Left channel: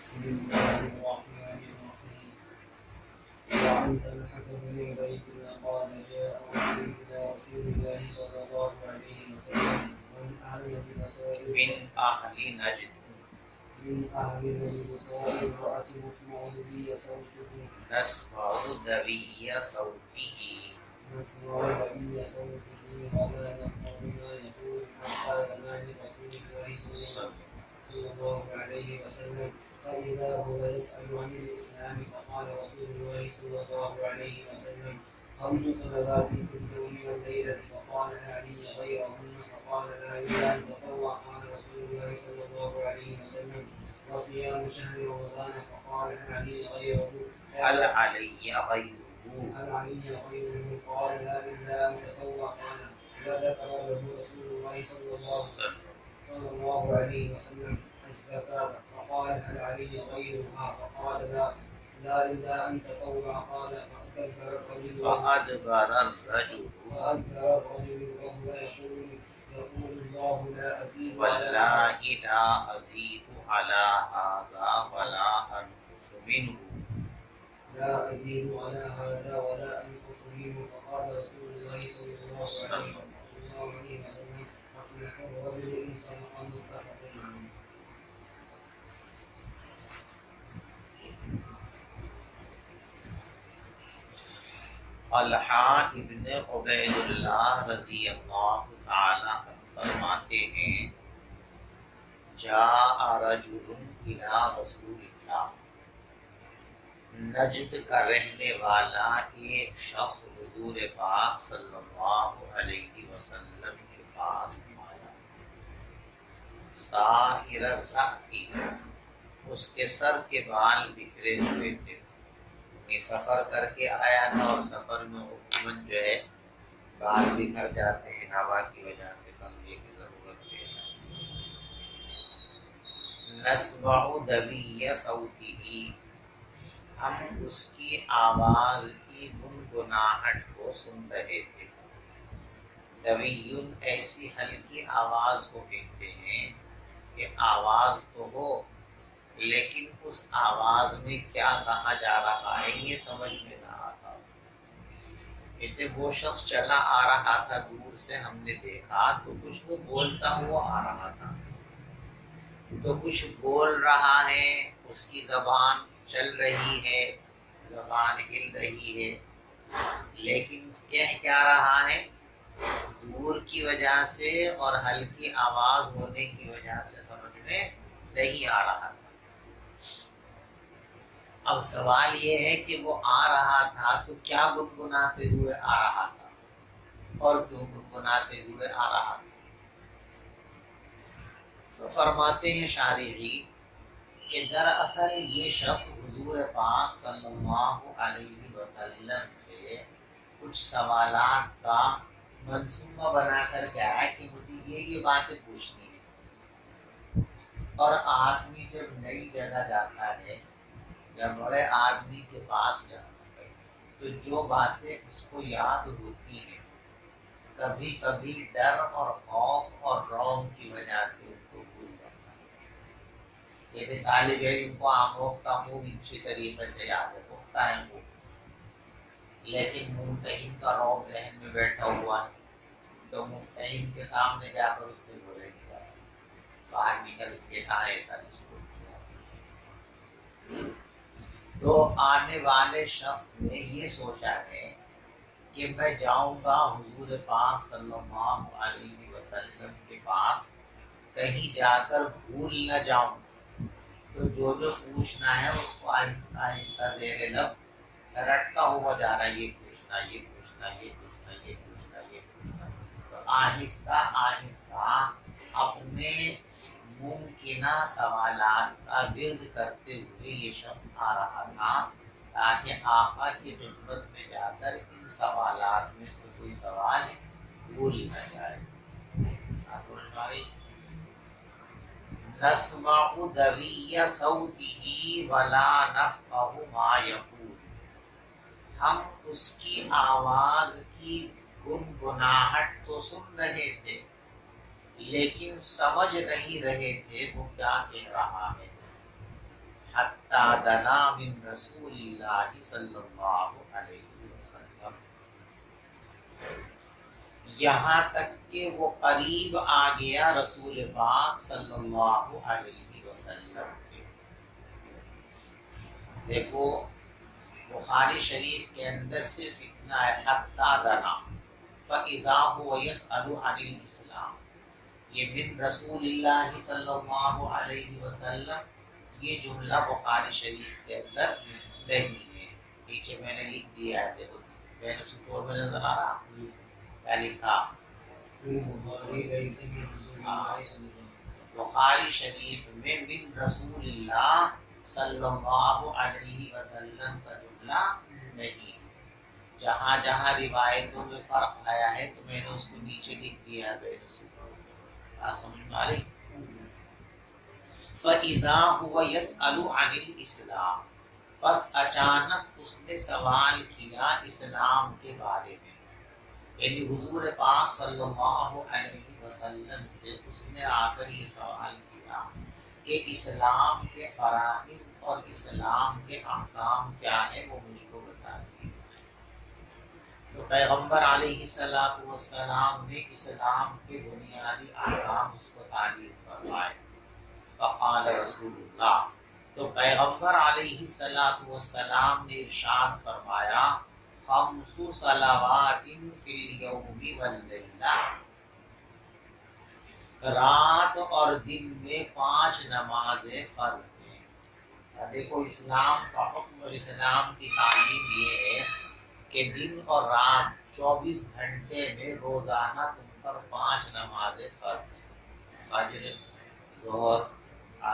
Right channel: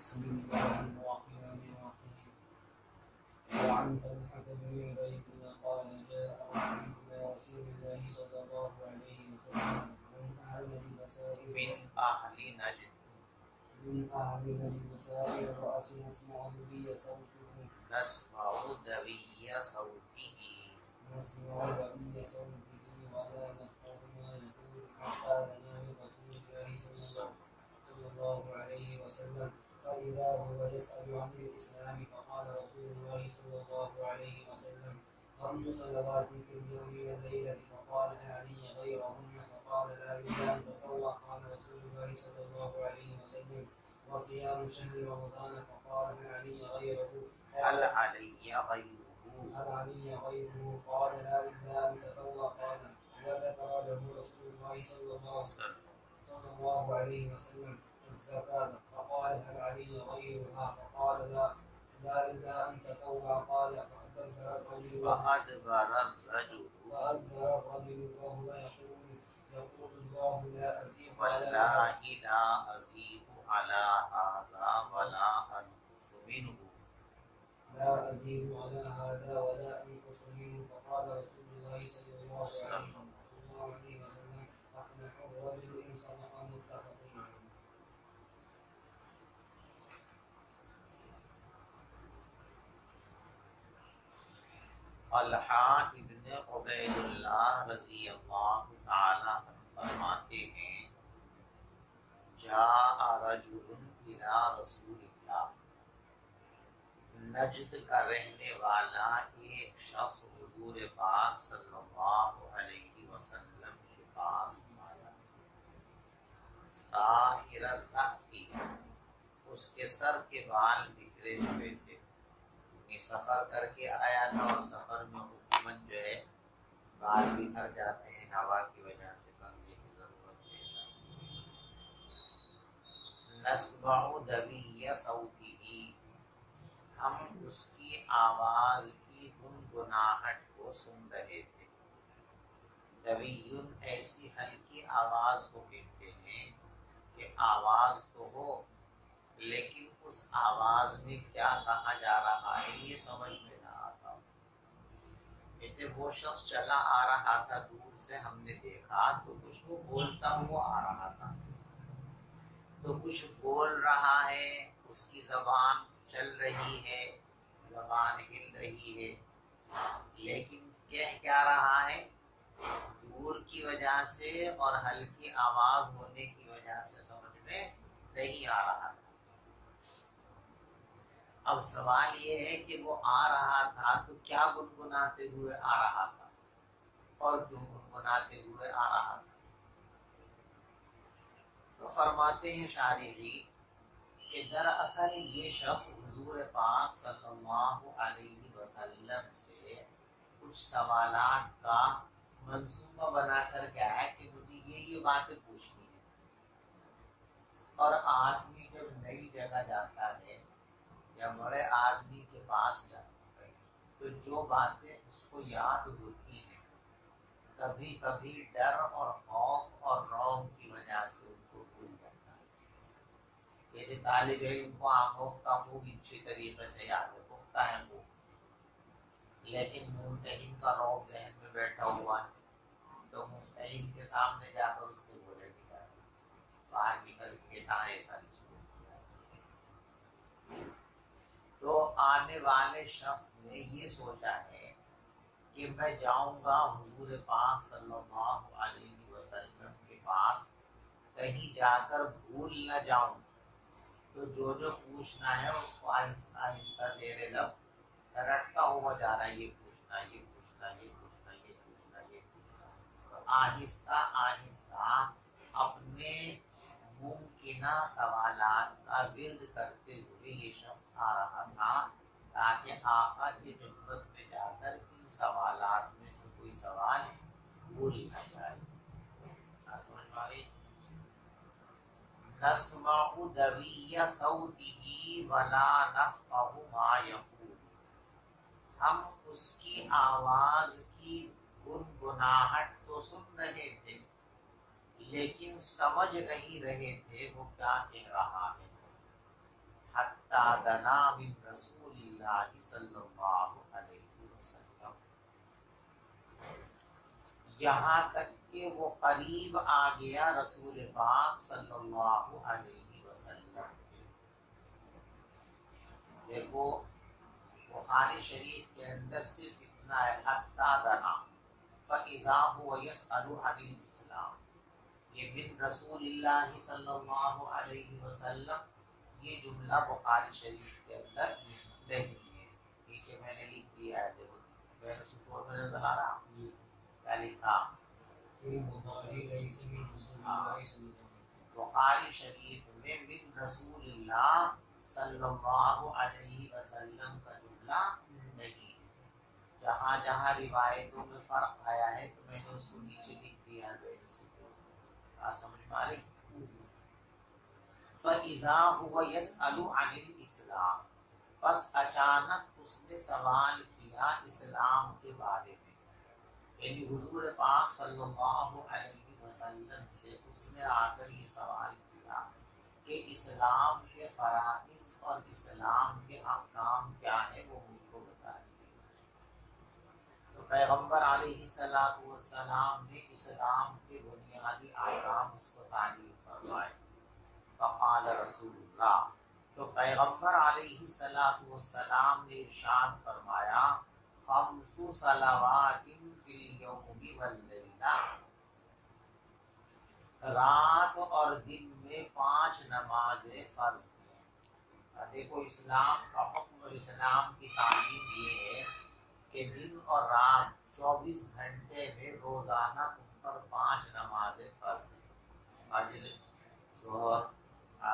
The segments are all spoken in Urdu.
بسم الله الرحمن الرحيم. وعن طلحة بن عبيد الله قال جاء رجل إلى رسول الله صلى الله عليه وسلم من أهل نجد سائر الرأس نسمع ذوي صوته ولا نفقه ما يقول حتى لنا برسول الله صلى الله عليه وسلم فإذا هو يسأل عن الإسلام فقال رسول الله صلى الله عليه وسلم 5 صلوات في اليوم والليلة فقال هل لي غيرهن فقال لا إلا أن تطوع قال رسول الله صلى الله عليه وسلم وصيام شهر رمضان فقال هل لي غيره قال قال لا إلا أن تطوع قال فذكر له رسول الله صلى الله عليه وسلم الزكاة فقال هل علي غيرها فقال لا إلا أن تطوع قال فأدبر الرجل وهو يقول الله لا أزيد على هذا ولا أنقص منه فقال رسول الله صلى الله عليه وسلم أفلح الرجل إن صدق متفق عليه. طلحہ ابن عبید اللہ رضی اللہ تعالی عنہ فرماتے ہیں جاء رجل الی رسول اللہ، نجد کا رہنے والا ایک شخص حضور پاک صلی اللہ علیہ وسلم کے پاس آیا، سائر الرأس، اس کے سر کے بال بکھرے ہوئے تھے، سفر کر کے آیا تھا اور سفر میں عموماً جو ہے بال بکھر جاتے ہیں ہوا کی وجہ سے، کنگھے کی ضرورت ہے۔ نسمع دوی صوتہ، ہم اس کی آواز کی گنگناہٹ کو سن رہے تھے۔ دویون ایسی ہلکی آواز کو کہتے ہیں کہ آواز تو ہو لیکن اس آواز میں کیا کہا جا رہا ہے یہ سمجھ میں نہ آتا۔ کہتے وہ شخص چلا آ رہا تھا، دور سے ہم نے دیکھا تو کچھ وہ بولتا ہوا آ رہا تھا، تو کچھ بول رہا ہے، اس کی زبان چل رہی ہے، زبان ہل رہی ہے، لیکن کہہ کیا رہا ہے؟ دور کی وجہ سے اور ہلکی آواز ہونے کی وجہ سے سمجھ میں نہیں آ رہا تھا۔ اب سوال یہ ہے کہ وہ آ رہا تھا تو کیا گنگناتے ہوئے آ رہا تھا اور کیوں گنگناتے ہوئے آ رہا تھا؟ تو فرماتے ہیں شارحی کہ دراصل یہ شخص حضور پاک صلی اللہ علیہ وسلم سے کچھ سوالات کا منصوبہ بنا کر کے آیا کہ مجھے یہ باتیں پوچھنی ہے، اور آدمی جب نئی جگہ جاتا ہے، جب بڑے آدمی کے پاس جاتا ہے تو جو باتیں اس کو یاد ہوتی ہیں کبھی کبھی ڈر اور خوف اور رعب کی وجہ سے ان کو بھول جاتا ہے۔ جیسے طالب علم کو آموختہ خوب اچھی طریقے سے یاد ہے، پختہ ہے وہ، لیکن ممتحن کا رعب ذہن میں بیٹھا ہوا ہے تو ممتحن کے سامنے جا کر اس سے بولے گی باہر نکل کے کہا ایسا نہیں کیا۔ تو آنے والے شخص نے یہ سوچا ہے کہ میں جاؤں گا حضور پاک صلی اللہ علیہ وسلم کے پاس، کہیں جا کر بھول نہ جاؤں، تو جو پوچھنا ہے اس کو آہستہ آہستہ زیر لب رٹتا ہوا جا رہا ہے، یہ پوچھنا یہ پوچھنا یہ پوچھنا یہ پوچھنا یہ پوچھنا، تو آہستہ آہستہ اپنے ممکنہ سوالات کا ورد کرتے ہوئے یہ شخص آ رہا تھا تاکہ آقا کی خدمت میں جا کر ان سوالات میں سے کوئی سوال بھول نہ جائے۔ نسمع دوی صوتہ ولا نفقہ ما یقول، ہم اس کی آواز کی گنگناہٹ تو سن رہے تھے لیکن سمجھ نہیں رہے تھے وہ کیا کہہ رہا ہے۔ حتی دنا من رسول اللہ صلی اللہ علیہ وسلم، یہاں تک کہ وہ قریب آ گیا رسول پاک صلی اللہ علیہ وسلم کے۔ دیکھو بخاری شریف کے اندر صرف اتنا ہے حتی دنا فَإِذَا هُوَ يَسْأَلُ عَنِ الْإِسْلَامِ، یہ من رسول اللہ صلی اللہ علیہ وسلم، یہ جملہ بخاری شریف کے اندر نہیں ہے۔ نیچے میں نے لکھ دیا ہے، دیکھو بین سطور میں نظر آ رہا، کیا لکھا؟ بخاری شریف میں من رسول اللہ صلی اللہ علیہ وسلم کا جملہ نہیں، جہاں جہاں روایتوں میں فرق آیا ہے تو میں نے اس کو نیچے لکھ دیا ہے بین سطور۔ بات سمجھ میں آ رہی؟ فَإِذَا هُوَ يَسْأَلُ عَنِ الْإِسْلَامِ، بس اچانک اس نے سوال کیا اسلام کے بارے میں، یعنی حضور پاک صلی اللہ علیہ وسلم سے اس نے آ کر یہ سوال کیا کہ اسلام کے فرائض اور اسلام کے احکام کیا ہے، وہ مجھ کو بتا دیجیے۔ تو پیغمبر علیہ الصلوۃ والسلام نے اسلام کے بنیادی احکام اس کو تعلیم فرمائے۔ فقال رسول اللہ، تو پیغمبر علیہ الصلوۃ والسلام نے ارشاد فرمایا، خمس صلوات فی الیوم واللیلہ، رات اور دن میں 5 نمازیں فرض ہیں۔ اور دیکھو اسلام کا حکم اور اسلام کی تعلیم یہ ہے کہ دن اور رات 24 گھنٹے میں روزانہ تم پر 5 نمازیں فرض ہیں، فجر، ظہر،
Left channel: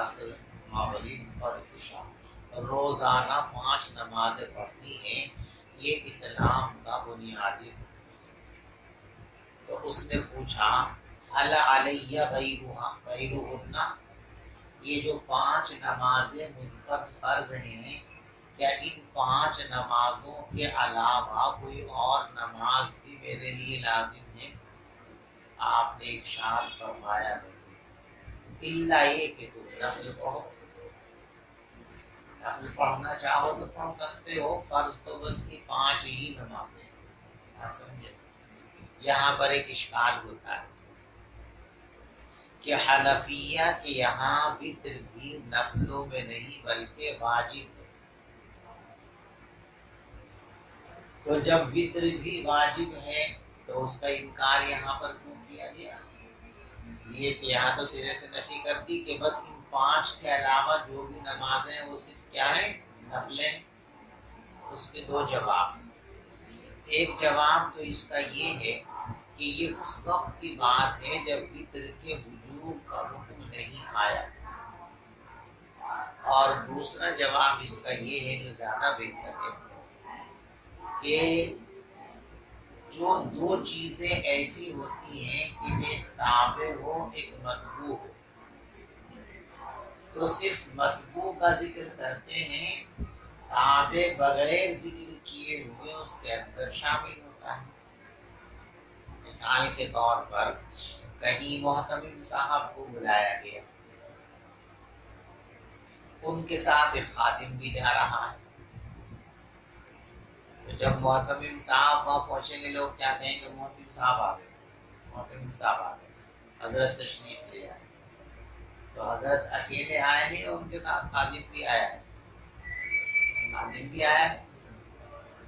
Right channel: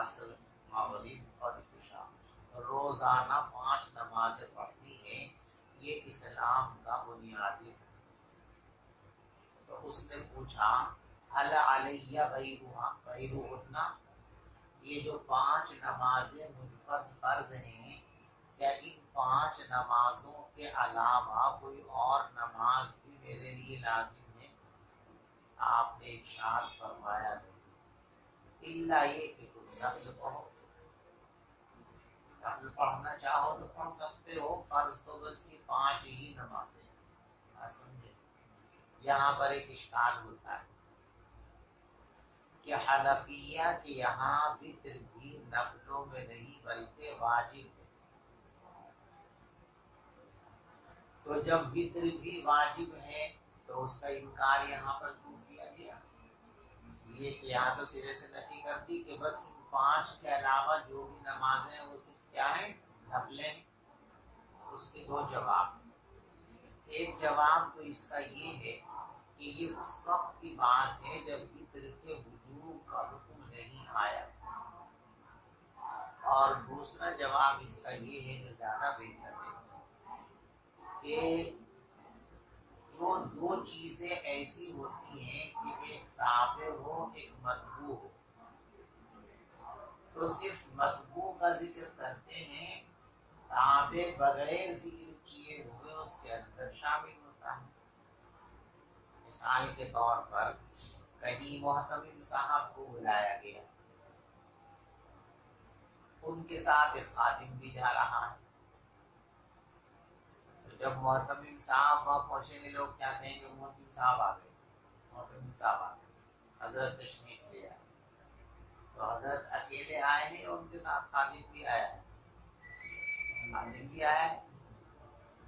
عصر، مغرب اور عشاء، روزانہ 5 نمازیں پڑھنی ہیں، یہ اسلام کا بنیادی ہے۔ تو اس نے پوچھا هل علی غیرہن، یہ جو 5 نمازیں مجھ پر فرض ہیں، کیا ان 5 نمازوں کے علاوہ کوئی اور نماز بھی میرے لیے لازم ہے؟ آپ نے ارشاد فرمایا نہیں، الا یہ کہ تم نفل پڑھو، نفل پڑھنا چاہو تو پڑھ سکتے ہو، فرض تو بس یہ 5 ہی نمازیں ہیں۔ آپ سمجھے؟ یہاں پر ایک اشکال ہوتا ہے کہ حنفیہ کے یہاں وتر بھی نفلوں میں نہیں بلکہ واجب ہے، تو جب وتر بھی واجب ہے تو اس کا انکار یہاں پر کیوں کیا گیا؟ اس لیے کہ یہاں تو سرے سے نفی کر دی کہ بس ان 5 کے علاوہ جو بھی نمازیں ہیں وہ صرف کیا ہیں؟ نفلیں۔ اس کے 2 جواب ہیں۔ ایک جواب تو اس کا یہ ہے کہ یہ اس وقت کی بات ہے جب وتر کے وجوب کا حکم نہیں آیا، اور دوسرا جواب اس کا یہ ہے جو زیادہ بہتر ہے کہ جو 2 چیزیں ایسی ہوتی ہیں کہ ایک تابع ہو ایک مطبوع ہو، تو صرف مطبوع کا ذکر کرتے ہیں، تابع بغیر ذکر کیے ہوئے اس کے اندر شامل ہوتا ہے۔ مثال کے طور پر کہیں محتمم صاحب کو بلایا گیا، ان کے ساتھ ایک خادم بھی جا رہا ہے، تو جب محتمم صاحب وہاں پہنچیں گے لوگ کیا کہیں گے؟ محتمم صاحب آ گئے، محتمم صاحب آ گئے، حضرت تشریف لے آئے۔ تو حضرت اکیلے آئے ہیں اور ان کے ساتھ خادم بھی آیا ہے، خادم بھی آیا ہے،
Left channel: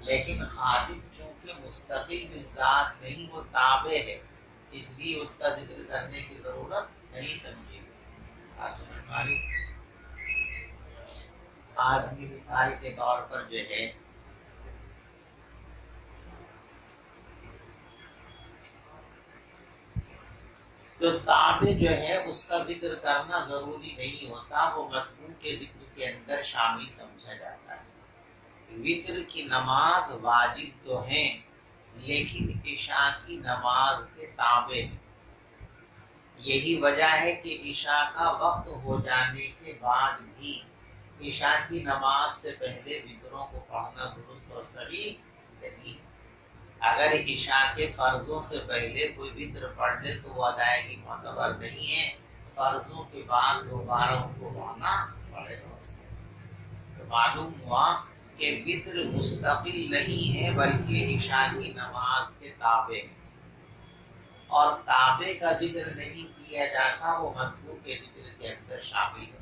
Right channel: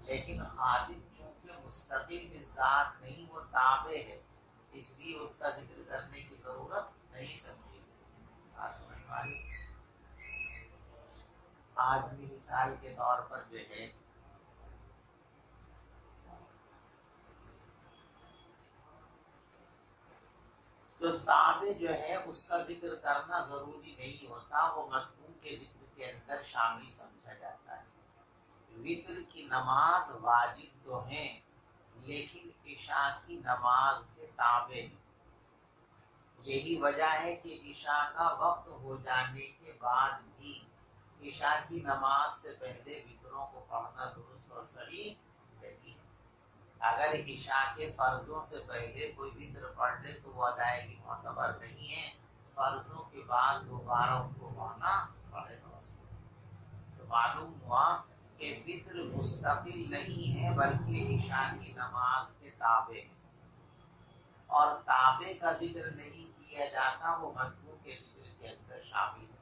لیکن خادم چونکہ مستقل بذات نہیں، وہ تابع ہے، اس لیے اس کا ذکر کرنے کی ضرورت نہیں سمجھی۔ آدمی مثال کے طور پر جو ہے تو تابع جو ہے اس کا ذکر کرنا ضروری نہیں ہوتا، وہ مطلوب کے ذکر کے اندر شامل سمجھا جاتا ہے۔ وتر کی نماز واجب تو ہیں لیکن عشاء کی نماز کے تابع ہیں، یہی وجہ ہے کہ عشاء کا وقت ہو جانے کے بعد بھی عشاء کی نماز سے پہلے وتروں کو پڑھنا درست اور صحیح نہیں۔ اگر عشاء کے فرضوں سے پہلے کوئی وتر پڑھ لے تو وہ ادائیگی معتبر نہیں ہے، فرضوں کے بعد دوبارہ ان کو پڑھنا پڑے گا اس کو۔ تو معلوم ہوا کہ وطر مستقل نہیں ہے بلکہ عشاء کی نماز کے تابع ہے، اور تابع کا ذکر نہیں کیا جاتا، وہ مطلوب کے ذکر کے اندر شامل ہے۔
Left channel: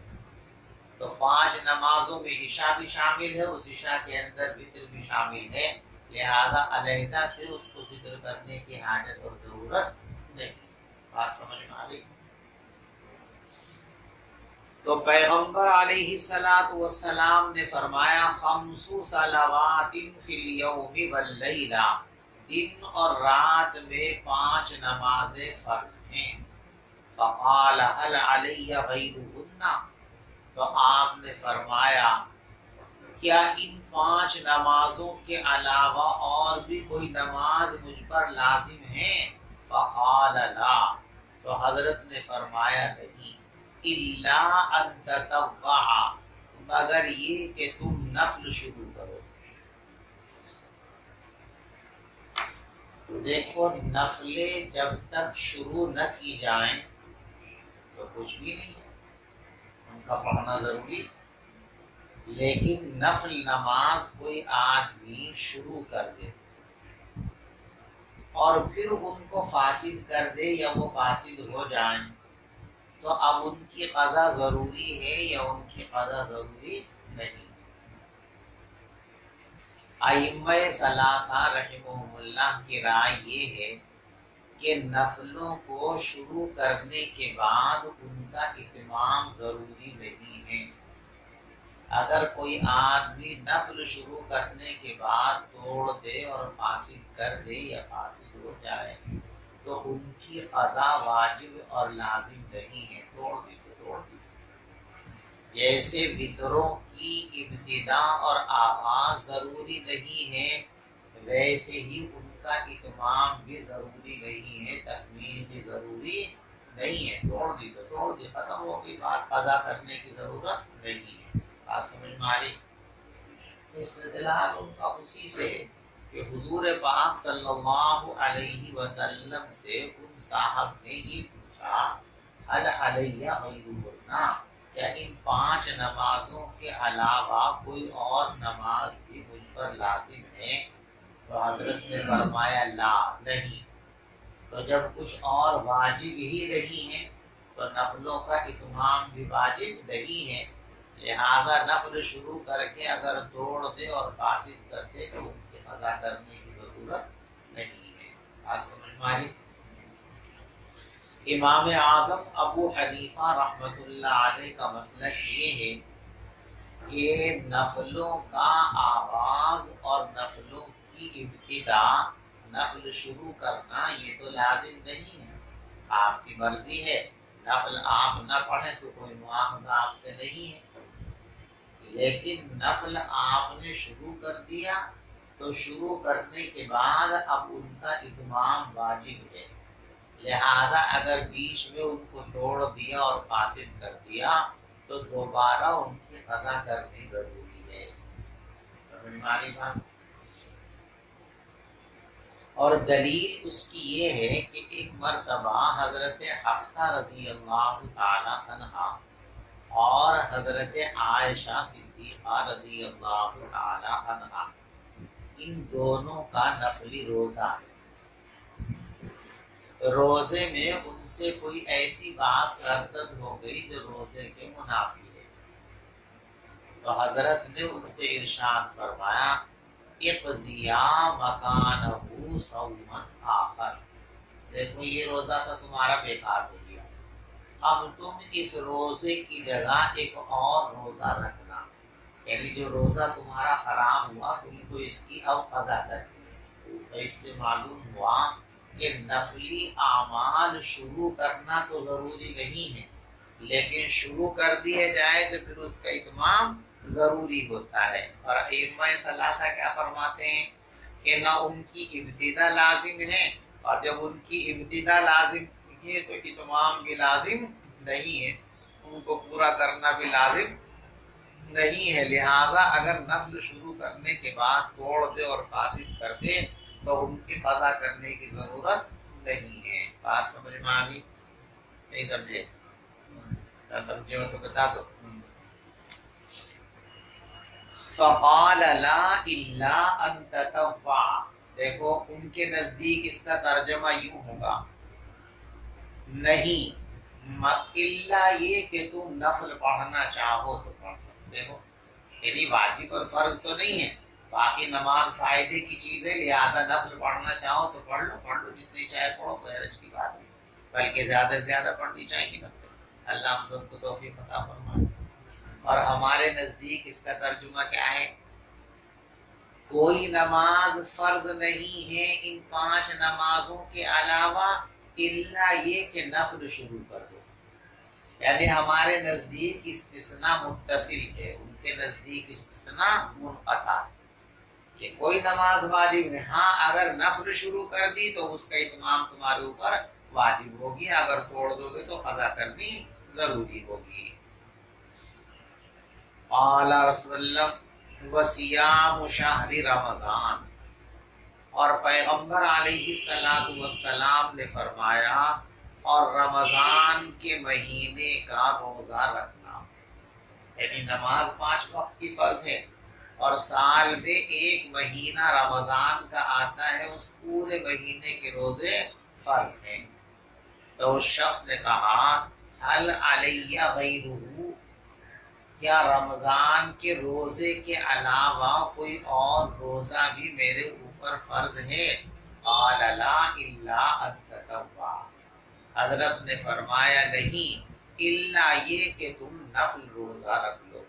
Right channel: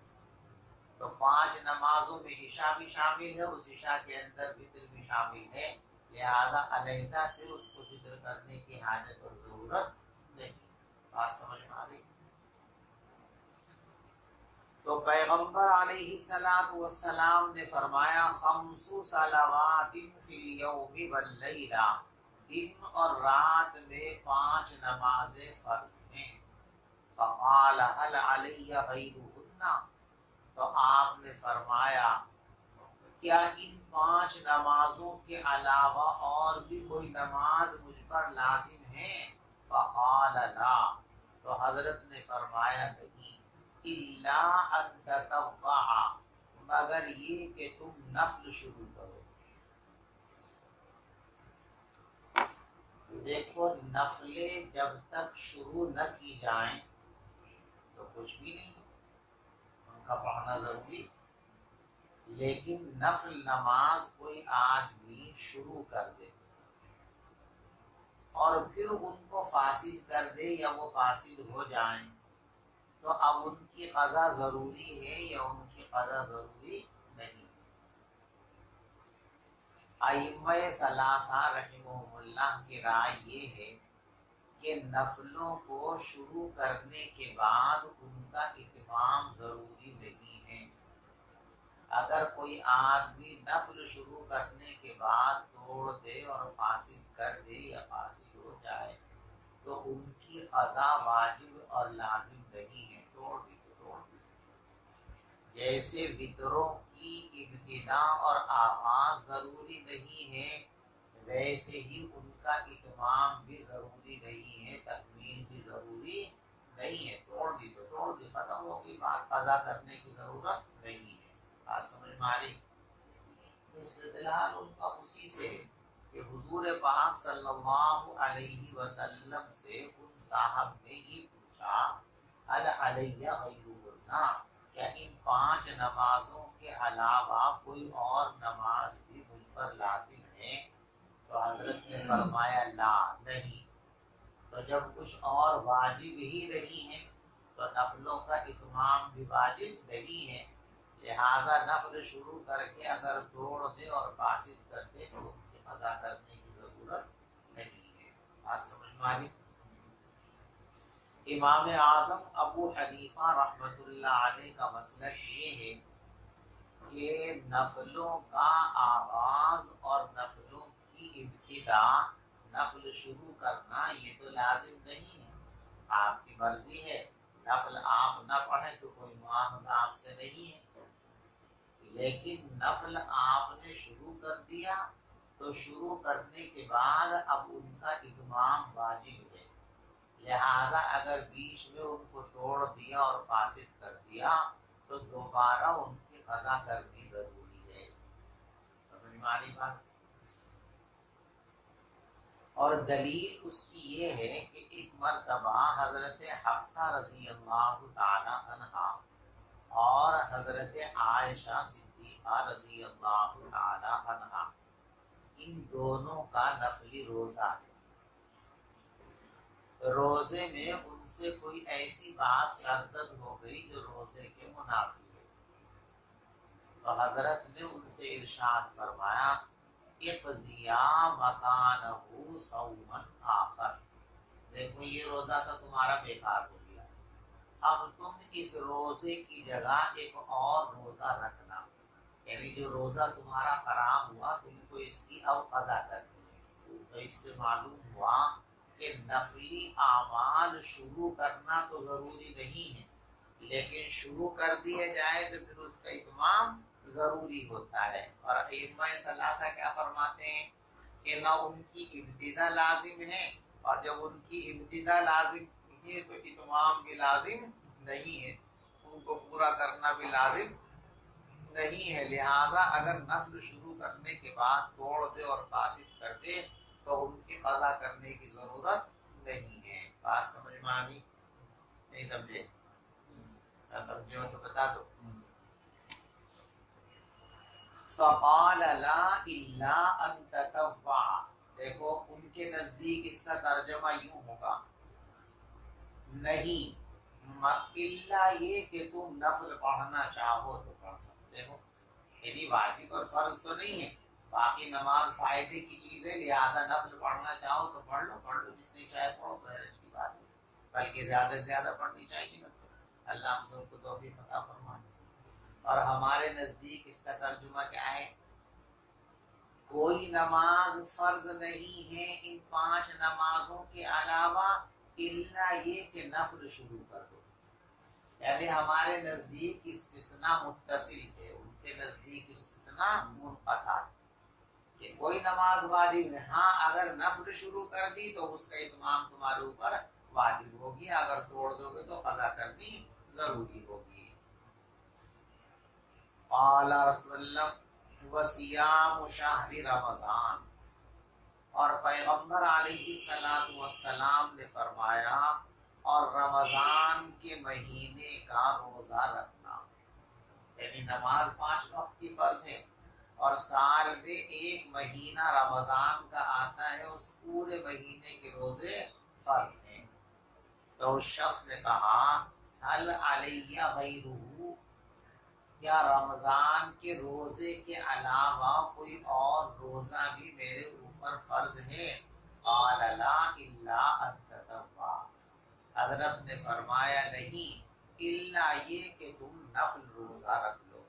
تو 5 نمازوں میں عشاء بھی شامل ہے، اس عشاء کے اندر وطر بھی شامل ہے، لہذا علیحدہ سے اس کو ذکر کرنے کی حاجت اور ضرورت نہیں۔ بات سمجھ میں آ گئی؟ تو پیغمبر علیہ الصلوۃ والسلام نے فرمایا 5 صلوات فی الیوم واللیلہ، دن اور رات میں 5 نمازیں فرض ہیں۔ فقال هل علی غیرہن، تو آپ نے فرمایا کیا ان 5 نمازوں کے علاوہ اور بھی کوئی نماز مجھ پر لازم ہے؟ فقال لا، تو حضرت نے فرمایا نہیں، الا ان تطوع، مگر یہ کہ تم نفل شروع کرو۔ دیکھو نفلیں جب تک شروع نہ کی جائیں تو کچھ بھی نہیں ہے، ان کا پڑھنا ضروری ہے، لیکن نفل نماز کوئی آدمی شروع کر دے اور پھر ان کو فاسد کر دے یا وہ فاسد ہو جائیں، تو اب ان کی قضا ضروری ہے یا ان کی قضا ضروری نہیں۔ ائمہ ثلاثہ رحمہم اللہ کی رائے یہ ہے کہ نفلوں کو شروع کرنے کے بعد ان کا اتمام ضروری نہیں ہے۔ اگر کوئی آدمی نفل شروع کرنے کے بعد توڑ دے اور فاسد کر دے یا فاسد ہو جائے تو ان کی قضا واجب اور لازم نہیں ہے، توڑ دی تو توڑ دی۔ جیسے وطروں کی ابتدا اور آغاز ضروری نہیں ہے، ویسے ہی ان کا اتمام بھی ضروری نہیں ہے، تکمیل بھی ضروری نہیں ہے۔ توڑ دی تو توڑ دی، ختم ہو گئی بات، قضا کرنے کی ضرورت نہیں ہے۔ بات سمجھ میں آ رہی؟ استدلال ان کا اسی سے ہے کہ حضور پاک صلی اللہ علیہ وسلم سے ان صاحب نے یہ پوچھا هل علی غیرہن، کیا ان 5 نمازوں کے علاوہ کوئی اور نماز بھی مجھ پر لازم ہے؟ تو حضرت نے فرمایا لا، نہیں۔ تو جب کچھ اور واجب ہی نہیں ہے تو نفلوں کا اتمام بھی واجب نہیں ہے، لہذا نفل شروع کر کے اگر توڑ دے اور فاسد کر دے تو ان کی قضا کرنے کی ضرورت نہیں ہے۔ بات سمجھ میں آئی؟ امام اعظم ابو حنیفہ رحمۃ اللہ علیہ کا مسلک یہ ہے کہ نفلوں کا آغاز اور نفلوں کی ابتدا، نفل شروع کرنا یہ تو لازم نہیں ہے، آپ کی مرضی ہے، نفل آپ نہ پڑھیں تو کوئی معاوضہ آپ سے نہیں ہے، لیکن نفل آپ نے شروع کر دیا تو شروع کرنے کے بعد اب ان کا اتمام واجب ہے، لہذا اگر بیچ میں ان کو توڑ دیا اور فاسد کر دیا تو دوبارہ ان کی قضا کرنی ضروری ہے۔ سمجھ میں آ رہی بات؟ اور دلیل اس کی یہ ہے کہ ایک مرتبہ حضرت حفصہ رضی اللہ تعالی عنہا اور حضرت عائشہ صدیقہ رضی اللہ تعالی عنہا، ان دونوں کا نفلی روزہ ہے۔ روزے میں ان سے کوئی ایسی بات سرزد ہو گئی جو روزے کے منافی ہے، تو حضرت نے ان سے ارشاد فرمایا اقضیا مکانہ صوما آخر، دیکھو یہ روزہ تو تمہارا بیکار ہو گیا، اب تم اس روزے کی جگہ ایک اور روزہ رکھنا، یعنی جو روزہ تمہارا خراب ہوا تم کو اس کی اب قضا کرنی ہے۔ تو اس سے معلوم ہوا کہ نفلی اعمال شروع کرنا تو ضروری نہیں ہے، لیکن شروع کر دیے جائے تو پھر اس کا اتمام ضروری ہوتا ہے۔ اور ائمہ ثلاثہ کیا فرماتے ہیں کہ نہ ان کی ابتدا لازم ہے، اور جب ان کی ابتدا لازم ہے تو اتمام بھی لازم نہیں ہے، ان کو پورا کرنا بھی لازم نہیں ہے، لہٰذا اگر نفل شروع کرنے کے بعد توڑ دے اور فاسد کر دے تو ان کی قضا کرنے کی ضرورت نہیں ہے۔ بات سمجھ میں آ گئی؟ نہیں سمجھے؟ نہ سمجھے ہو تو بتا دو۔ فقال لا الا ان تطوع، دیکھو ان کے نزدیک اس کا ترجمہ یوں ہوگا، نہیں الا یہ کہ تم نفل پڑھنا چاہو تو پڑھ سکتے ہو، یعنی واجب اور فرض تو نہیں ہے، باقی نماز فائدے کی چیز ہے، لہذا نفل پڑھنا چاہو تو پڑھ لو جتنی چاہے پڑھو، کوئی حرج کی بات نہیں، بلکہ زیادہ سے زیادہ پڑھنی چاہیے نفل۔ اللہ ہم سب کو توفیق عطا فرمائے۔ اور ہمارے نزدیک اس کا ترجمہ کیا ہے؟ کوئی نماز فرض نہیں ہے ان 5 نمازوں کے علاوہ الا یہ کہ نفل شروع کر دو، یعنی ہمارے نزدیک استثناء متصل ہے، ان کے نزدیک استثناء منقطع، کہ کوئی نماز واجب نہیں، ہاں اگر نفل شروع کر دی تو اس کا اتمام تمہارے اوپر واجب ہوگی، اگر توڑ دو گے تو قضا کرنی ضروری ہوگی۔ قال رسول اللہ وصیام شہر رمضان، اور پیغمبر علیہ السلام نے فرمایا اور رمضان کے مہینے کا روزہ رکھنا، یعنی نماز 5 وقت کی فرض ہے اور سال میں 1 مہینہ رمضان کا آتا ہے، اس پورے مہینے کے روزے فرض ہیں۔ تو اس شخص نے کہا حل علیہ غیرہ، کیا رمضان کے روزے کے علاوہ کوئی اور روزہ بھی میرے اوپر فرض ہے؟ قال لا الا ان تطوع، حضرت نے فرمایا نہیں الا یہ کہ تم نفل روزہ رکھ لو،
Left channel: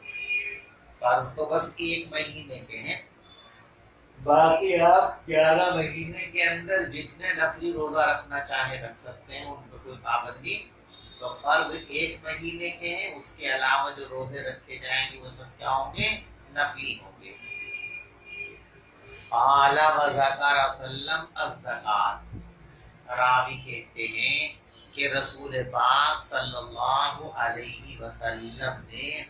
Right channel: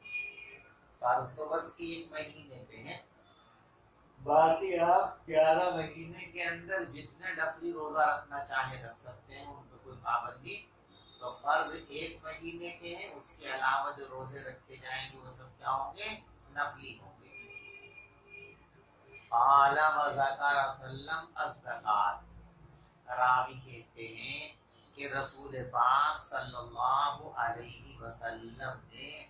فرض تو بس 1 مہینے کے ہیں، باقی آپ 11 مہینے کے اندر جتنے نفلی روزہ رکھنا چاہے رکھ سکتے ہیں، ان کو کوئی پابندی، تو فرض 1 مہینے کے ہیں، اس کے علاوہ جو روزے رکھے جائیں گے وہ سب کیا ہوں گے؟ نفلی ہوں گے۔ قال وذکر وسلم الزکات، راوی کہتے ہیں کہ رسول پاک صلی اللہ علیہ وسلم نے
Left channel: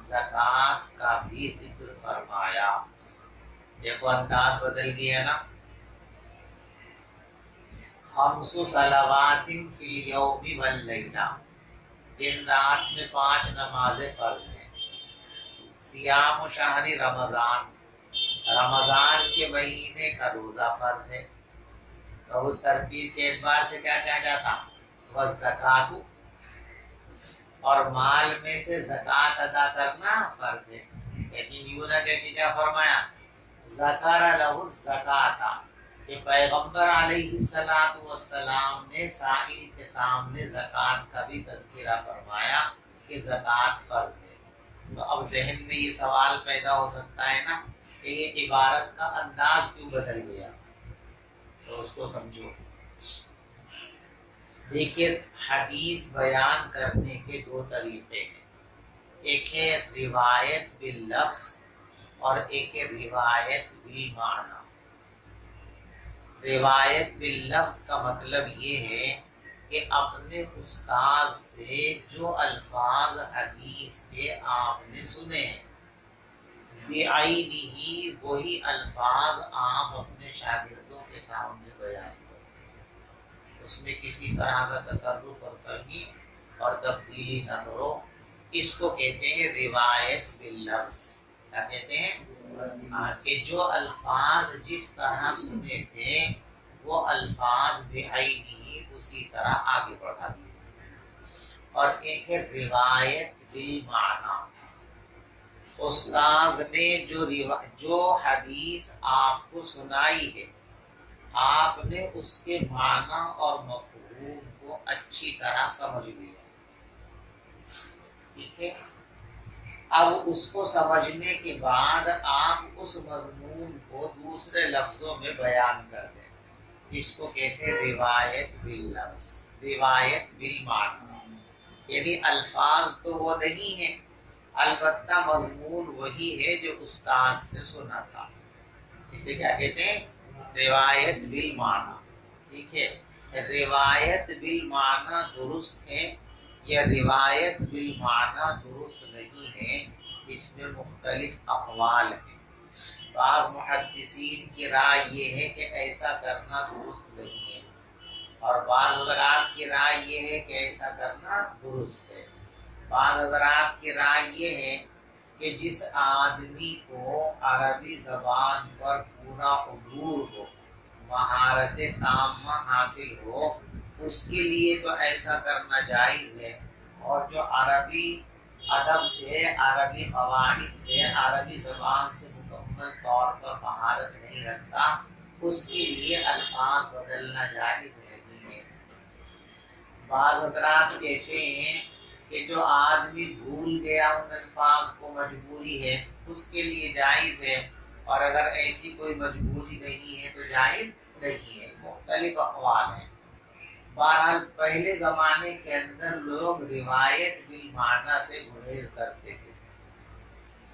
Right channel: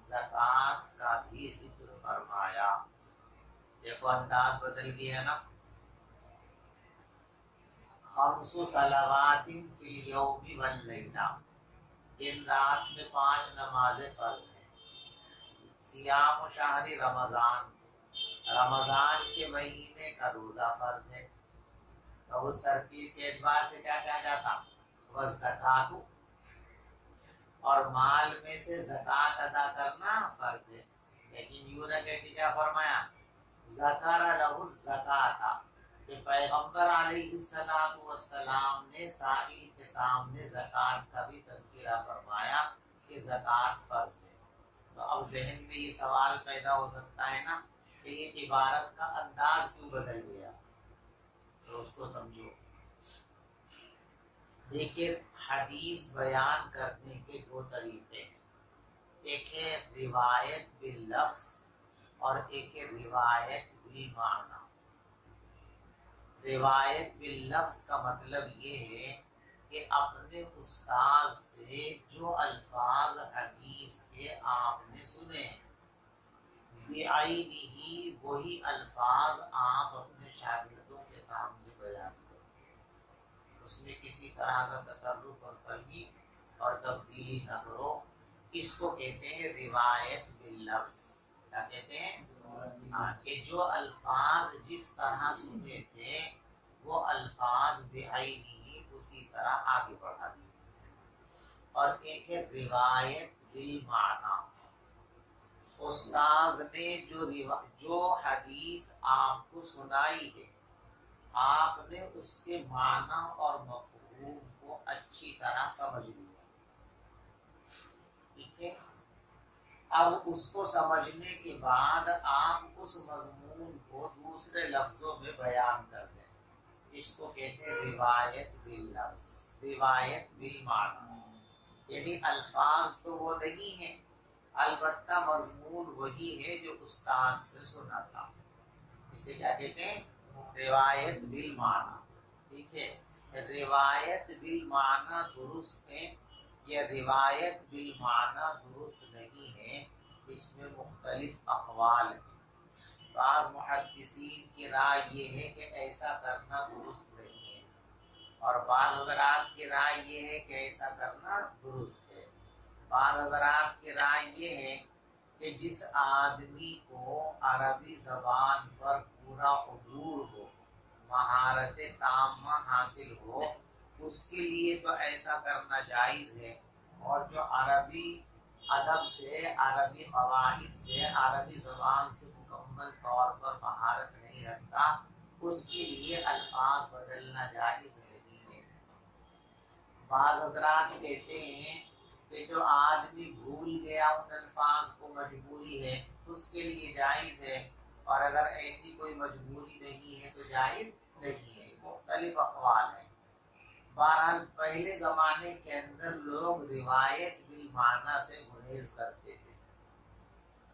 زکوٰۃ کا بھی ذکر فرمایا۔ دیکھو انداز بدل گیا نا، 5 صلوات فی اليوم واللیلہ، دن رات میں 5 نمازیں فرض ہیں، صیام شہر رمضان، رمضان کے مہینے کا روزہ فرض ہے، تو اس ترتیب کے اعتبار سے کیا کہا جاتا؟ والزکوٰۃ، اور مال میں سے زکوٰۃ ادا کرنا فرض ہے، لیکن یوں نہ کہ کیا فرمایا؟ ذکر لہ الزکوٰۃ، کہ پیغمبر علیہ السلام نے سائل کے سامنے زکوٰۃ کا بھی تذکرہ فرمایا کہ زکوٰۃ فرض ہے۔ تو اب ذہن میں یہ سوال پیدا ہو سکتا ہے نا کہ یہ عبارت کا انداز کیوں بدل گیا، تو اس کو سمجھو۔ دیکھیے حدیث بیان کرنے کے 2 طریقے ہیں، ایک ہے روایت باللفظ اور ایک ہے روایت بالمعنی۔ روایت باللفظ کا مطلب یہ ہے کہ اپنے استاد سے جو الفاظ حدیث کے آپ نے سنے، بعینہ وہی الفاظ آپ اپنے شاگردوں کے سامنے بیان کرو، اس میں کسی طرح کا تصرف اور ترغیب اور تبدیلی نہ کرو، اس کو کہتے ہیں روایت باللفظ۔ کیا کہتے ہیں؟ کہ جو الفاظ جس طرح سنے تھے وہ الفاظ بعینہ اسی طرح آگے بڑھا دیے۔ اور ایک ہے روایت بالمعنی، استاذ نے جو حدیث آپ کو سنائی ہے، آپ نے اس کے معنی اور مفہوم کو اچھی طرح سمجھ لیا، ٹھیک ہے، اب اس کو سمجھنے کے بعد آپ اس مضمون کو دوسرے لفظوں میں بیان کر دیں، اس کو کہتے ہیں روایت باللفظ، روایت بالمعنی، یعنی الفاظ تو وہ نہیں ہیں، البتہ مضمون وہی ہے جو استاد سے سنا تھا، اسے کیا کہتے ہیں؟ روایت بالمعنی، ٹھیک ہے۔ روایت بالمعنی درست ہے یا روایت بالمعنی درست نہیں ہے، اس میں مختلف اقوال ہیں۔ بعض محدثین کی رائے یہ ہے کہ ایسا کرنا درست نہیں ہے، اور بعض حضرات کی رائے یہ ہے کہ ایسا کرنا درست ہے۔ بعض حضرات کی رائے یہ ہے کہ جس آدمی کو عربی زبان پر پورا عبور ہو، مہارت تامہ حاصل ہو، اس کے لیے تو ایسا کرنا جائز ہے، اور جو عربی ادب سے، عربی قواعد سے، عربی زبان سے مکمل طور پر مہارت نہیں رکھتا، اس کے لیے الفاظ بدلنا جائز نہیں ہے۔ بعض حضرات کہتے ہیں کہ جو آدمی بھول گیا ان الفاظ کو، مجبوری ہے، اس کے لیے جائز ہے، اور اگر ایسی کوئی مجبوری نہیں ہے تو جائز نہیں ہے۔ مختلف اقوال ہیں۔ بہرحال پہلے زمانے کے اندر لوگ روایت بالمعنی سے گریز کرتے تھے،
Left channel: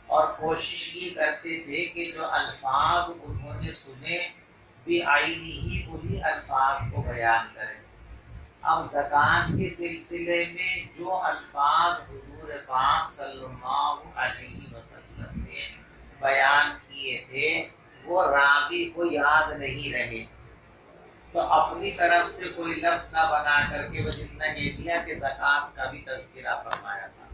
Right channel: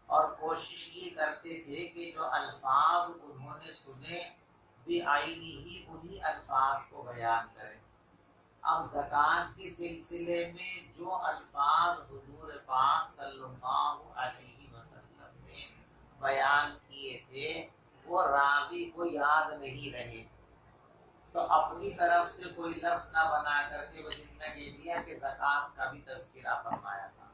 اور کوشش یہ کرتے تھے کہ جو الفاظ انہوں نے سنے بعینی ہی انہی الفاظ کو بیان کریں۔ اب زکوٰۃ کے سلسلے میں جو الفاظ حضور پاک صلی اللہ علیہ وسلم نے بیان کیے تھے وہ راوی کو یاد نہیں رہے، تو اپنی طرف سے کوئی لفظ نہ بنا کر کے بس اتنا کہہ دیا کہ زکوٰۃ کا بھی تذکرہ فرمایا تھا۔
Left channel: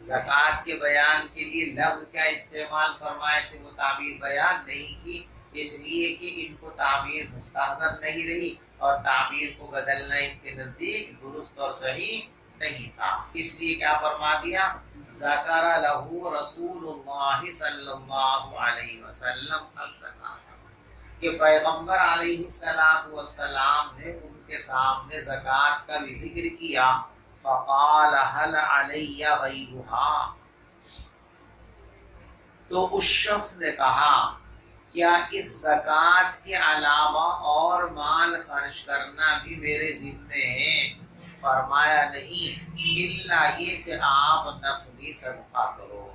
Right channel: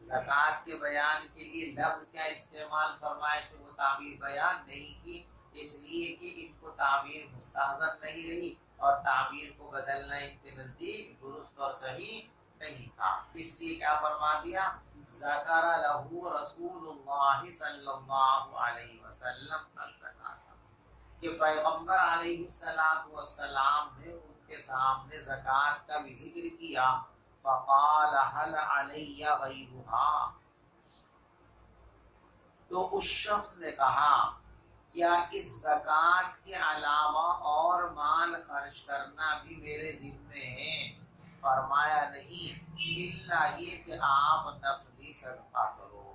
زکوٰۃ کے بیان کے لیے لفظ کیا استعمال فرمائے تھے، وہ تعبیر بیان نہیں کی، اس لیے کہ ان کو تعبیر مستحضر نہیں رہی، اور تعبیر کو بدلنا ان کے نزدیک درست اور صحیح نہیں تھا، اس لیے کیا فرما دیا، ذکر لہ رسول اللہ صلی اللہ علیہ وسلم الزکاۃ، کہ پیغمبر علیہ السلام نے ان کے سامنے زکوٰۃ کا بھی ذکر کیا۔ فقال هل علی غیرها، تو اس شخص نے کہا کیا اس زکوٰۃ کے علاوہ اور مال خرچ کرنا بھی میرے ذمے ہے؟ فرمایا نہیں، الا یہ کہ آپ نفلی صدقہ کرو۔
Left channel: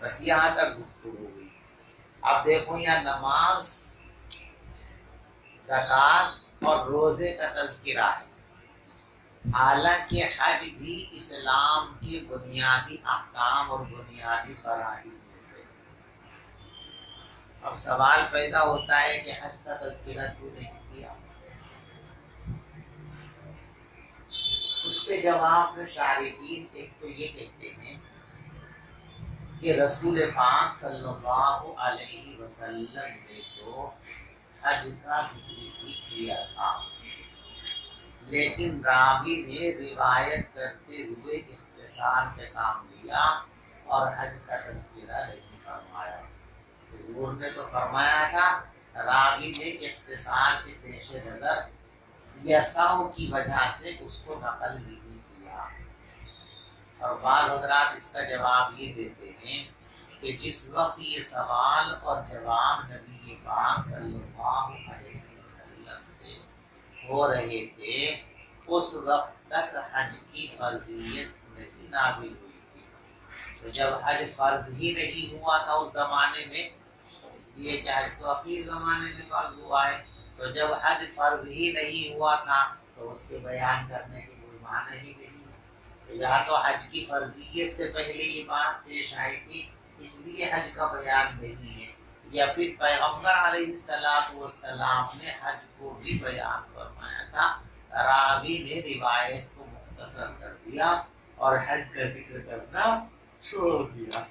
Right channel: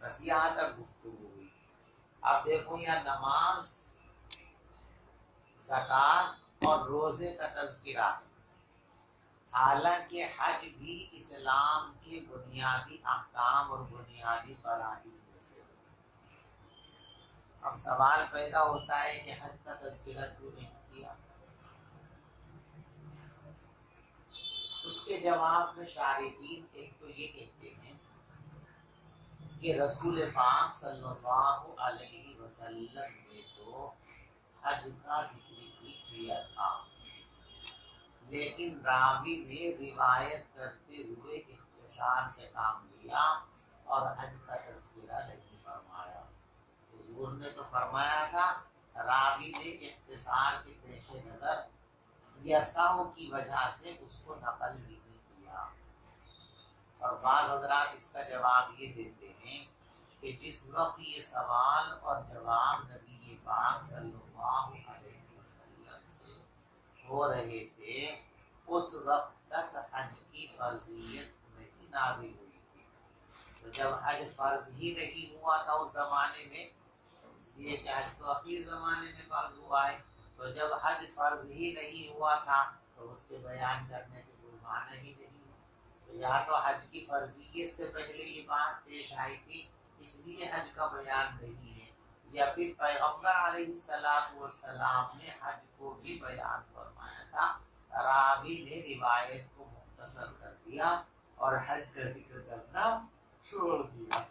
بس یہاں تک گفتگو ہوئی۔ اب دیکھو یہاں نماز، زکوٰۃ اور روزے کا تذکرہ ہے، حالانکہ حج بھی اسلام کے بنیادی احکام اور بنیادی فرائض میں سے۔ اب سوال پیدا ہوتا ہے کہ حج کا تذکرہ کیوں نہیں کیا؟ اس کے جواب میں شارحین ایک تو یہ کہتے ہیں کہ رسول پاک صلی اللہ علیہ وسلم نے تو حج کا ذکر بھی کیا تھا، لیکن راوی نے روایت کرتے ہوئے اختصار سے کام لیا اور حج کا تذکرہ نہیں فرمایا۔ حضور نے تو فرمایا تھا، راوی نے اختصار کے پیش نظر یا سہو کی وجہ سے اس کو نقل نہیں کیا۔ اور بعض حضرات اس کا جواب یہ دیتے ہیں کہ جس وقت یہ سوال اور جواب نبی پاک صلی اللہ علیہ وسلم سے ہو رہے تھے، اس وقت تک حج کی فرضیت نہیں نازل ہوئی تھی۔ تو جب حج فرض ہی نہیں ہوا تھا اس زمانے میں، اس لیے کہ حج تو اخیر زمانے میں فرض ہوا ہے، تو جب حج فرض ہی نہیں ہوا تھا تو اس کے بیان کرنے کی کوئی معنی ہی نہیں ہے۔ تو یہاں تو حج کی فرضیت سے پہلے یہ بات پیش آئی تھی، اس لیے حج کا بیان نہیں ہے، یا پھر پیغمبر علیہ السلام نے حج کو بھی بیان فرمایا تھا، راوی نے روایت کو مختصر کر دیا اور حج کا ذکر کرنا چھوڑ دیا۔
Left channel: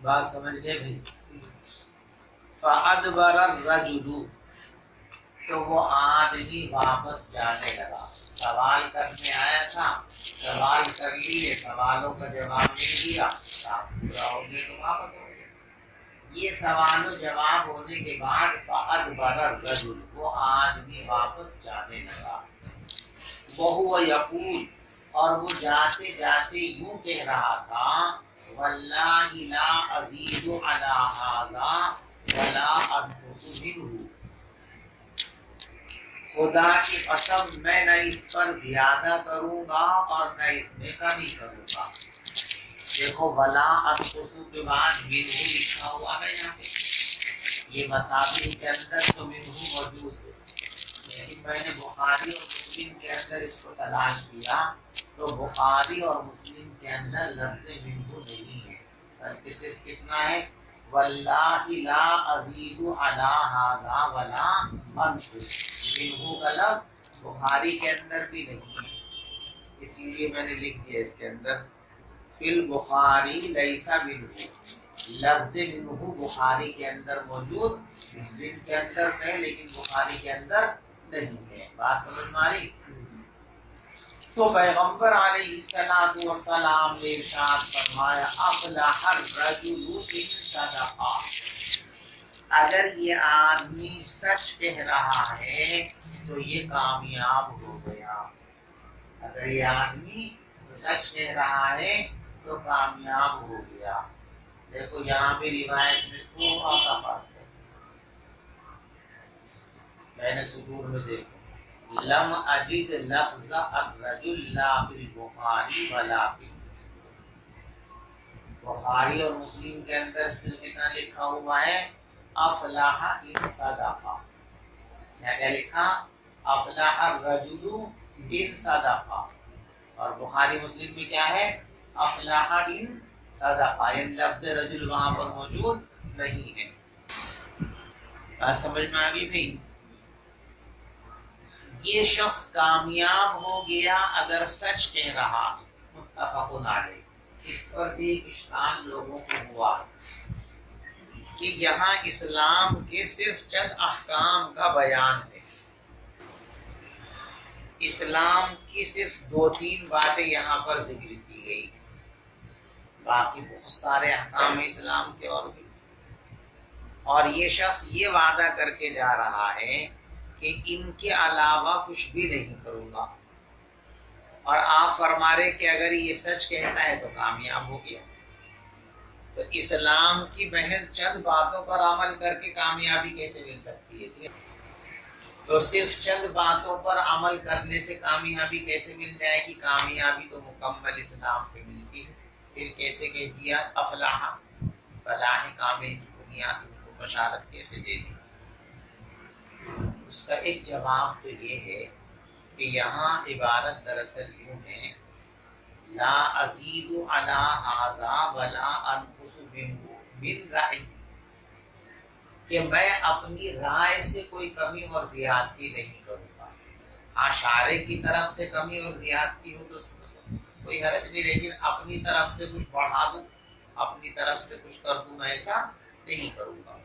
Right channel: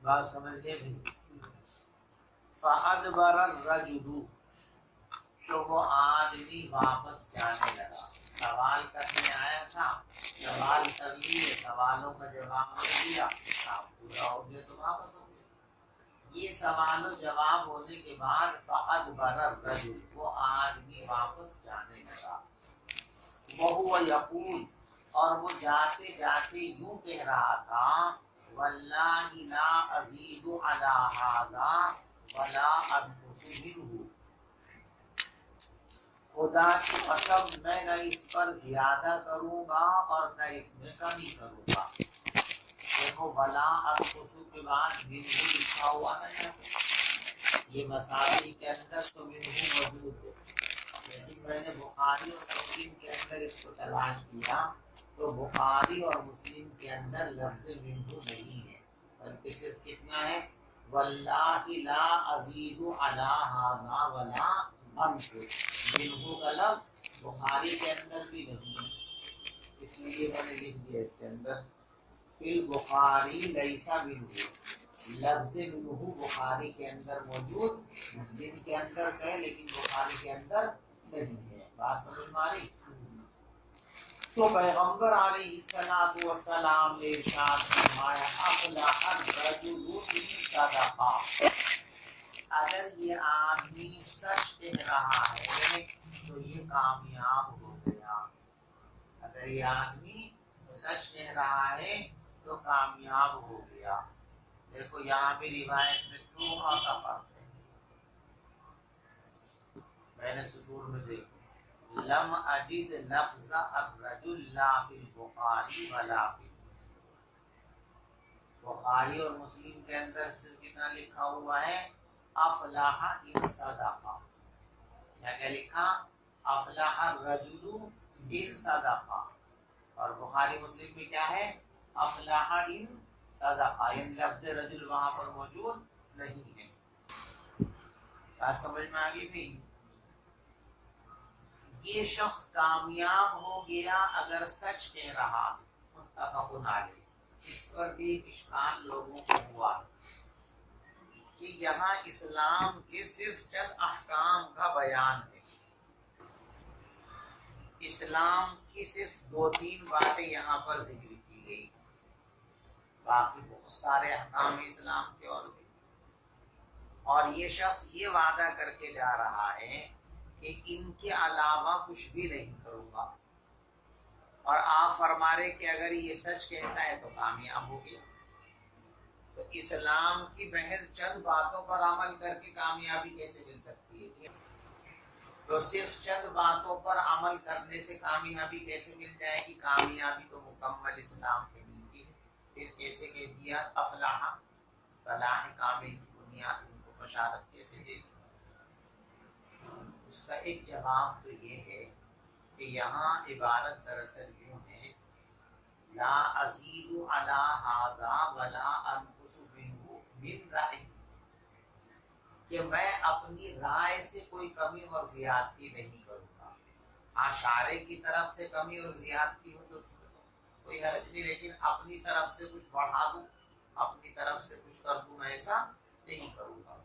بات سمجھ گئے بھائی؟ فَأَدْبَرَ الرَّجُلُ، تو وہ آدمی واپس جانے لگا۔ سوال کرنے آیا تھا، سوال کر لیے، سوالوں کا جواب نہیں دیا، پورا ہو گیا تو واپس ہو گیا۔ یہ سوال و جواب ہونے کے بعد فَأَدْبَرَ الرَّجُلُ، وہ آدمی واپس جانے لگا۔ وَهُوَ يَقُولُ، اور وہ جاتے جاتے یوں کہہ رہا تھا، وَاللَّهِ لَا أَزِيدُ عَلَى هَذَا وَلَا أَنْقُصُ مِنْهُ، خدا کی قسم میں نہ اس پر زیادہ کروں گا اور نہ اس میں کمی کروں گا۔ دیکھو ولا انقص کے بعد منہ لکھا ہوا ہے یہاں پہ، یہ مصابیح کے اندر تو منہ موجود ہے، لیکن میں نے بخاری اور مسلم کے اندر اس کو تلاش کیا تو بخاری اور مسلم کے اندر لفظ منہ نہیں ہے، بلکہ صرف کتنا ہے، واللہ لا ازید علی ھذا ولا انقص، منہ کا لفظ بخاری کے اندر بھی نہیں ہے، اس لیے میں نے لکھ دیا اس کے اندر فی البخاری لیس منہ، لفظ منہ بخاری کے اندر موجود، مسلم کے اندر ہے لیکن بخاری کے اندر نہیں ہے. بات سمجھ میں آ رہی؟ تو پیغمبر علیہ الصلوۃ والسلام نے ارشاد فرمایا افلح الرجل ان صدقا، اگر یہ آدمی سچ کہہ رہا ہے تو یہ کامیاب ہو گیا. اگر یہ آدمی سچ کہہ رہا ہے تو کامیاب ہو گیا. دیکھو یہاں پہ روایت میں تھوڑا سا فرق ہے. میں نے سطور میں دیکھو لم اجد لفظ الرجل لا فی البخاری ولا فی مسلم. بخاری اور مسلم کے اندر صرف اتنا لکھا ہوا ہے افلاح ان صدقہ. کیا لکھا؟ افلاح الرجل ان صدقہ. اور بخاری مسلم میں کیا ہے؟ افلاح ان صدقہ. یعنی لفظ رجل وہاں پر موجود نہیں ہے. بات سمجھ میں آ گئی بھائی؟ یہ شخص کامیاب ہو گیا اگر سچ کہہ رہا. متفق علیہ. اس پر بھی اشکال لوگوں کو ہوا کہ یہاں اسلام کے صرف چند احکام کا بیان ہے. اسلام کی صرف 2-3 باتیں یہاں پر ذکر کی گئی، باقی بہت سارے احکام اسلام کے اور بھی. اور یہ شخص یہ وعدہ کر کے جا رہا ہے کہ ان کے علاوہ کچھ بھی نہیں کروں گا، اور آپ فرما رہے کہ اگر یہ سچ کہتا ہے تو کامیاب ہو گیا. تو اسلام کی محض چند باتوں پر عمل کر کے کامیابی کیسے مل سکتی ہے؟ تو صرف چند باتوں پر عمل کرنے سے کامیابی کیسے مل جائے گی؟ کامیابی تو مکمل اسلام پہ ملتی ہے. پھر کیسے کہہ دیا افلاح؟ فلاح کامل کی بنیاد ان کو بشارت کیسے دے دی؟ اس کا ایک جواب تو یہ ہے کہ یہاں عبارت دراصل یوں ہے لا ازید علی ھذا ولا انقص منہ من رأی، کہ میں اپنی رائے سے کوئی کمی اور زیادتی نہیں کروں گا. اشارے کی طرف سے کمی اور زیادتی ہو تو اس میں تو کوئی حرج نہیں، لیکن اپنی طرف سے کچھ بڑھا دوں، اپنی طرف سے کچھ کر دوں، میں ایسا نہیں کروں گا.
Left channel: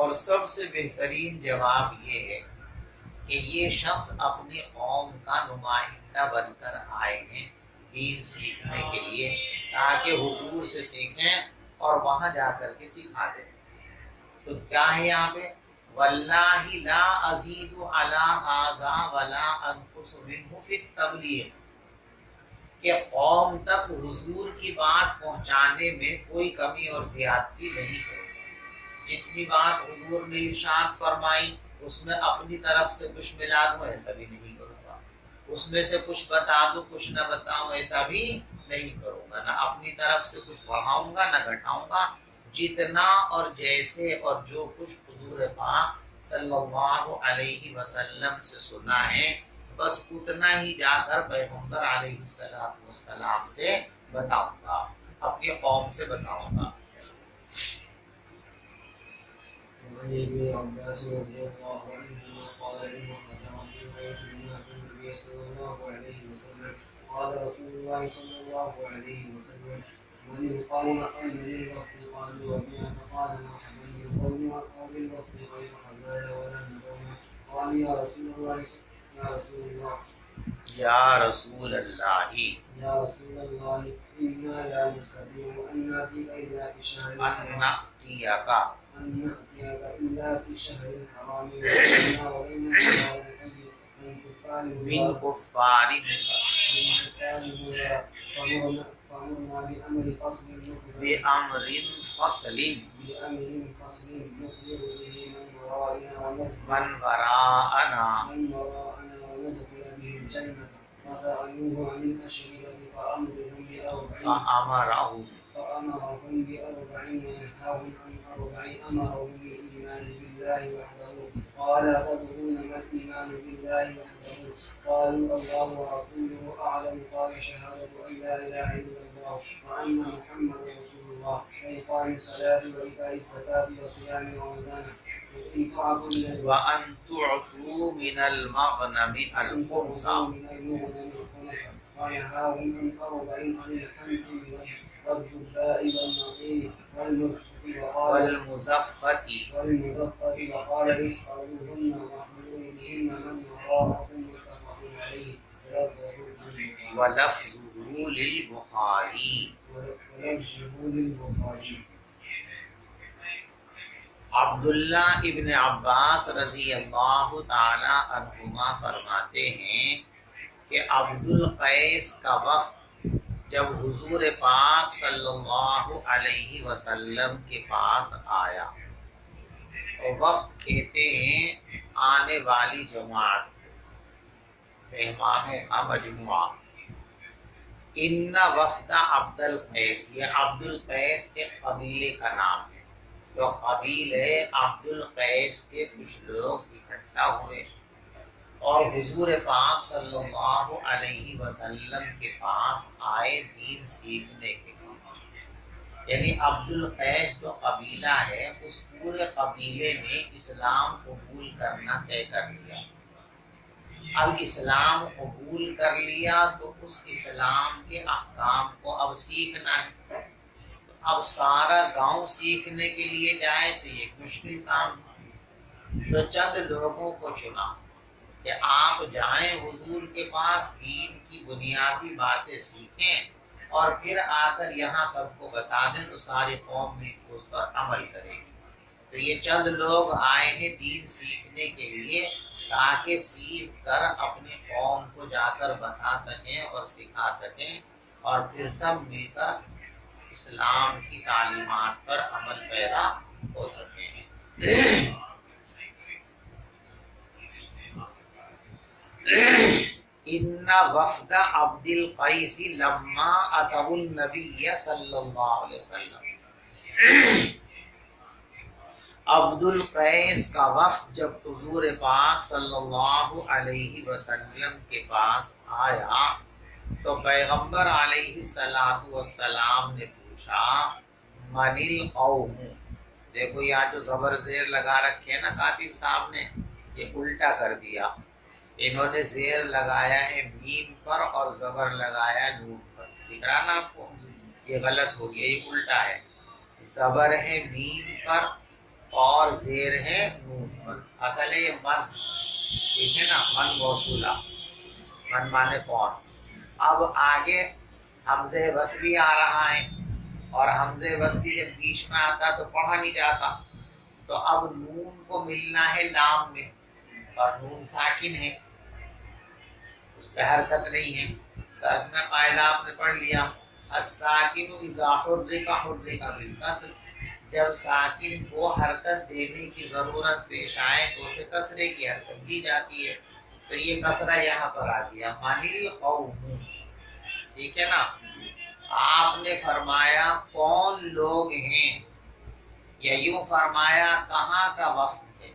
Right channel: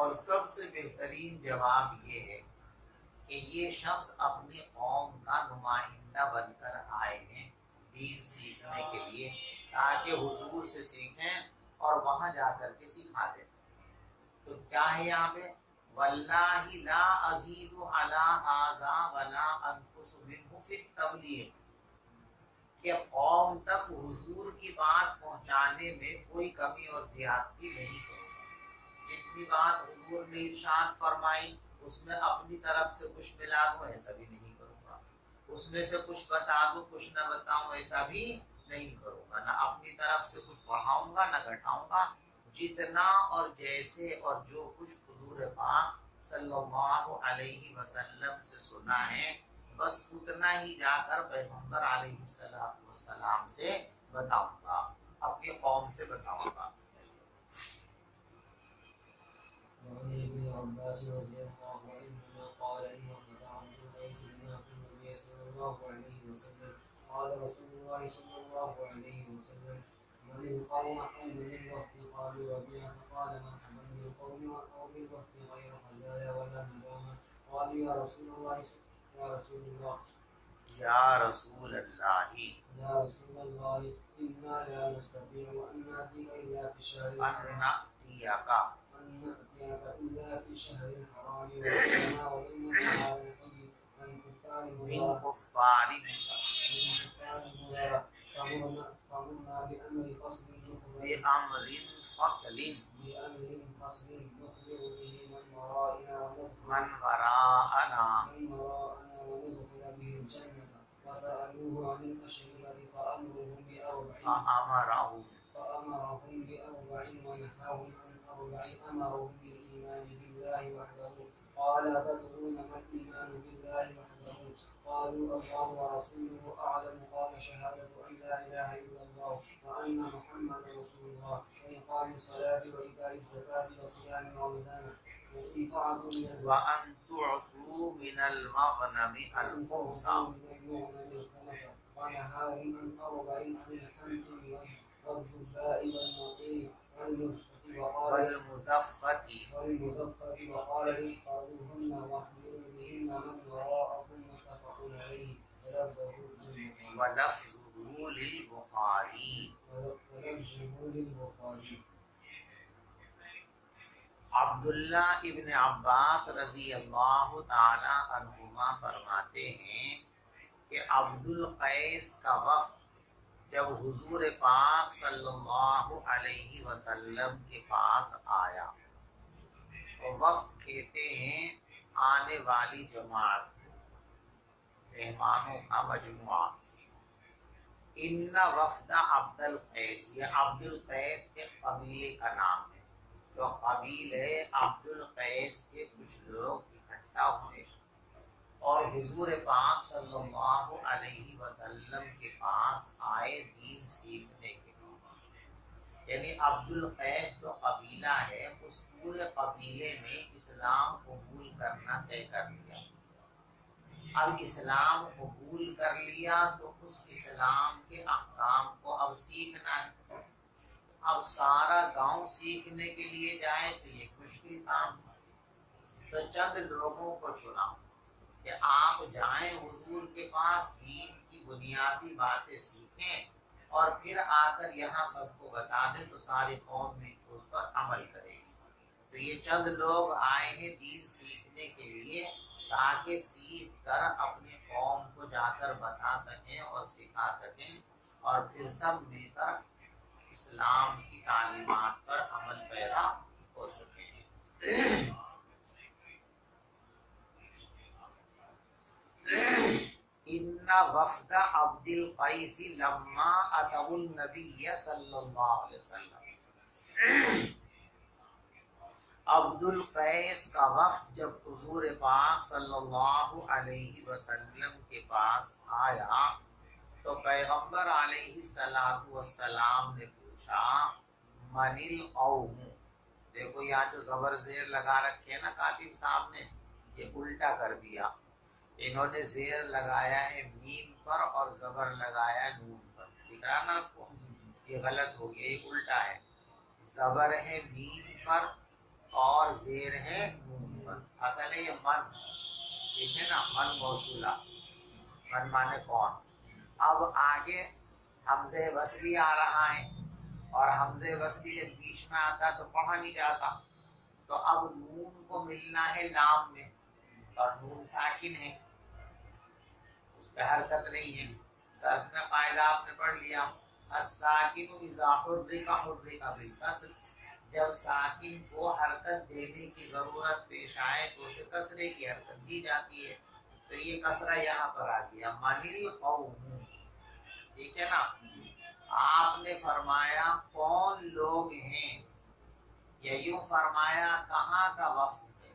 اور سب سے بہترین جواب یہ ہے کہ یہ شخص اپنی قوم کا نمائندہ بن کر آئے ہیں دین سیکھنے کے لیے، تاکہ حضور سے سیکھیں اور وہاں جا کر کے سکھا دیں. تو کیا ہے یہاں پہ؟ واللہ لا ازید علی ھذا ولا انقص منہ فی التبلیغ، کہ قوم تک حضور کی بات پہنچانے میں کوئی کمی اور زیادتی نہیں کروں گا. جتنی بات حضور نے ارشاد فرمائی اس میں اپنی طرف سے کچھ ملا دوں، ایسا بھی نہیں کروں گا. اس میں سے کچھ بتا دوں کچھ نہ بتاؤں، ایسا بھی نہیں کروں گا. نہ اپنی طرف سے کچھ بڑھاؤں گا نہ گھٹاؤں گا. جتنا اور جیسے اور جو کچھ حضور پاک صلی اللہ علیہ وسلم سے سنا ہے بس اتنا ہی جا کر پیغمبر علیہ السلام سے بتاؤں گا، اپنی قوم سے بتاؤں گا. وعن ابن عباس رضي الله عنهما قال لما قدم الناس سمعت النبي صلى الله عليه وسلم قال رسول الله صلى الله عليه وسلم من القوم أو من الوفد قالوا وبما قال مرحبا بالقوم أو بالوفد غير خزايا ولا ندوم قال يا رسول الله يا رسول الله یا رسول اللہ يا رسول الله إنا لا نستطيع أن نأتيك إلا في شهر ان نأتیک إلا في شهر الحرام وإنا ولينا على الحي من كفار فأمرنا بأمر فصل بأمر فصل نخبر به من ورائنا وراءنا وندخل به الجنة وسألوه عن الأشربة فأمرهم بأربع ونهاهم عن أربع أمرهم بالإيمان بالله وحده. قال تدرون ما الإيمان بالله وحده؟ قالوا الله ورسوله أعلم. قال شهادة أن لا إله إلا الله وأن محمدا رسول الله وإقام الصلاة وإيتاء الزكاة وصيام رمضان وأن تعطوا من المغنم الخمس ونهاهم عن 40 عن الحنطم والدباء والنقير والمزفت وقال احفظوهن واحملوا بهن من وراءكم متفق عليه ولفظه للبخاری. عبداللہ ابن عباس رضی اللہ تعالی عنہما فرماتے ہیں کہ عبد القیس کا وفد جب حضور پاک صلی اللہ علیہ وسلم کے پاس آیا، اور وفد کہتے ہیں آنے والی جماعت، مہمانوں کا مجموعہ. ان وفد عبد القیس، یہ عبد القیس ایک قبیلے کا نام ہے. تو قبیلے عبد القیس کے کچھ لوگ اکٹھا ہوئے اور حضور پاک صلی اللہ علیہ وسلم کے پاس آئے دین سیکھنے کے لیے. یعنی عبد القیس جو قبیلہ ہے اس پورے قبیلے نے اسلام قبول کرنا طے کر لیا. اب اسلام قبول کر لیا تو اس اسلام کے احکام کو اب سیکھنا ہے. اب سارا گاؤں سیکھنے کے لیے جائے تو یہ مشکل کام ہے. تو چند لوگوں کو چنا کہ آپ جائیں حضور کے پاس، دین کی بنیادی باتیں سیکھیں اور پھر آ کر یہاں سب کو بتا دیں تو ساری قوم بھی اس پر عمل کرے گی. تو یہ چند لوگ آئے ہیں دین سیکھنے کے لیے تاکہ سیکھ کر اپنی قوم کو جا کر بتا سکیں اور سکھا سکیں اور پھر سب مل کر اسلام کی تعلیمات پر عمل پیرا ہو سکیں. ان وفد عبد القیس لما اتوا النبی صلی اللہ علیہ وسلم، عبد القیس کا وفد جب حضور پاک صلی اللہ علیہ وسلم کے پاس آیا تو پیغمبر علیہ الصلوۃ والسلام نے پوچھا من القوم. دیکھو یہاں جو زبر زیر لگا رکھے نا کاتب صاحب نے، یہ الٹا کر دیا. انہوں نے زیر لگایا ہے میم پر اور زبر لگایا نون پر. دکھ رہا نا آپ کو؟ یہ غلط ہو گیا، یہ الٹا ہے. زبر ہے میم پر اور زیر ہے نون پر. اصل ہے یہ من، ٹھیک ہے نا، من موصولہ، من مانے کون. اب آگے حمزہ وصلی آ رہا ہے اور حمزہ وصلی جب بیچ میں آتا تو پڑھا نہیں جاتا. تو اب نون کو ملنا ہے لام میں اور نون ساکن ہے، اس پہ حرکت نہیں ہے. صرف میں قاعدہ آپ نے پڑھ لیا، الساکن اذا حرک حرک بالکسر. جب ساکن کو حرکت دینے کی ضرورت پیش آئے تو اسے کسرے کی حرکت دی جاتی ہے. تو یہ کسرہ یہاں پر آ گیا، من القوم. ٹھیک ہے نا. آپ نے فرمایا کون لوگ ہیں، یا یوں فرمایا کہاں کا وفد ہے.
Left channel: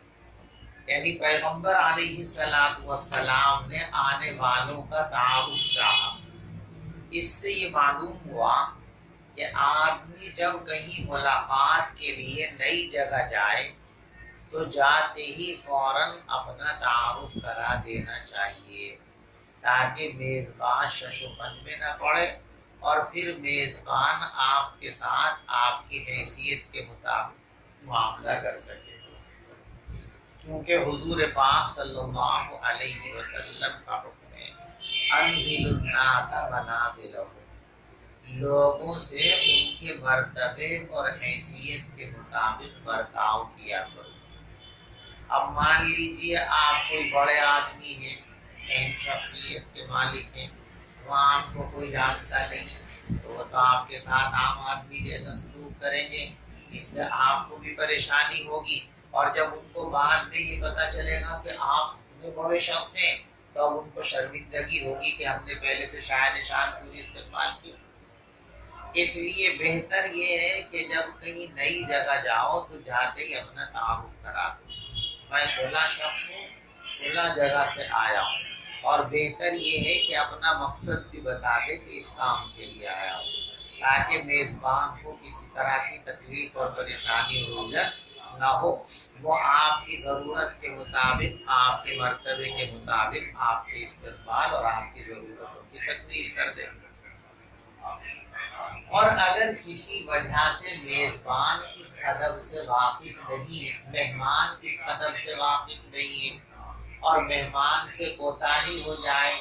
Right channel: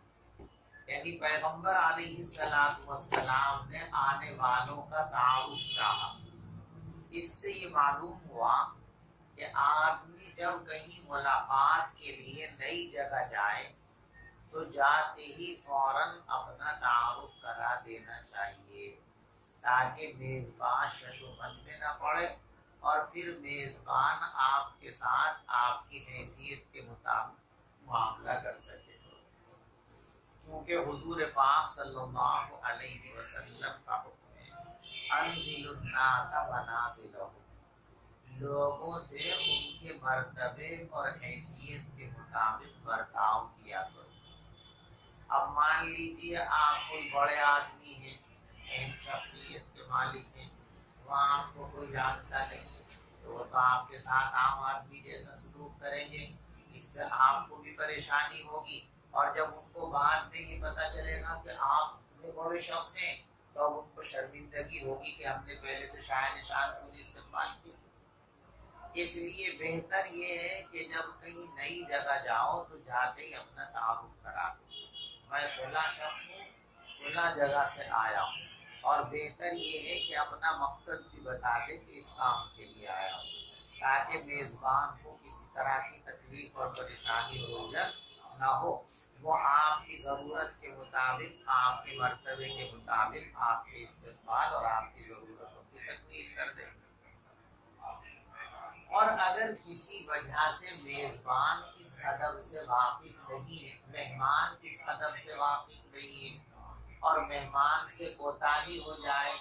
یعنی پیغمبر علیہ الصلوۃ والسلام نے آنے والوں کا تعارف چاہا. اس سے یہ معلوم ہوا کہ آدمی جب کہیں ملاقات کے لیے نئی جگہ جائے تو جاتے ہی فوراً اپنا تعارف کرا دینا چاہیے تاکہ میزبان ششوپن میں نہ پڑے اور پھر میزبان آپ کے ساتھ آپ کی حیثیت کے مطابق معاملہ کر سکے. کیونکہ حضور پاک صلی اللہ علیہ وسلم کا حکم ہے انزل الناس منازلہم، لوگوں سے ان کے مرتبے اور حیثیت کے مطابق برتاؤ کیا کرو. اب مان لیجیے آپ کوئی بڑے آدمی ہیں، اہم شخصیت کے مالک ہیں، وہاں آپ کو کوئی جانتا نہیں تو وہ تو آپ کے ساتھ عام آدمی جیسا سلوک کریں گے. اس سے آپ کو بھی پریشانی ہوگی اور جب ان کو بعد میں یہ پتہ چلے گا کہ آپ اتنے بڑے شخص ہیں تو اب ان کو شرمندگی ہوگی کہ ہم نے پہلے سے شاہ نشان پوری استقبال کی. اس لیے بہتر یہ ہے کہ جب کہیں نئی جگہ جاؤ تو جاتے ہی اپنا تعارف کرا دو، میں فلاں شخص ہوں، فلاں جگہ سے آیا ہوں. اور بہتر یہ ہے کہ اپنا مقصد بھی بتا دے کہ اس کام کے لیے آیا ہوں تاکہ میزبان کو کسی طرح کی تکلیف اور پریشانی ہو نہ ہو. وہ آپ کی ضرورت کے مطابق، آپ کے مرتبے کے مطابق آپ کے استقبال اور آپ کی ضرورتوں کی تکمیل کر اور اگر کسی وجہ سے میزبان اس ادب سے واقف نہیں ہے، مہمان اس ادب سے واقف نہیں ہے اور مہمان سے کوتاہی ہو جائے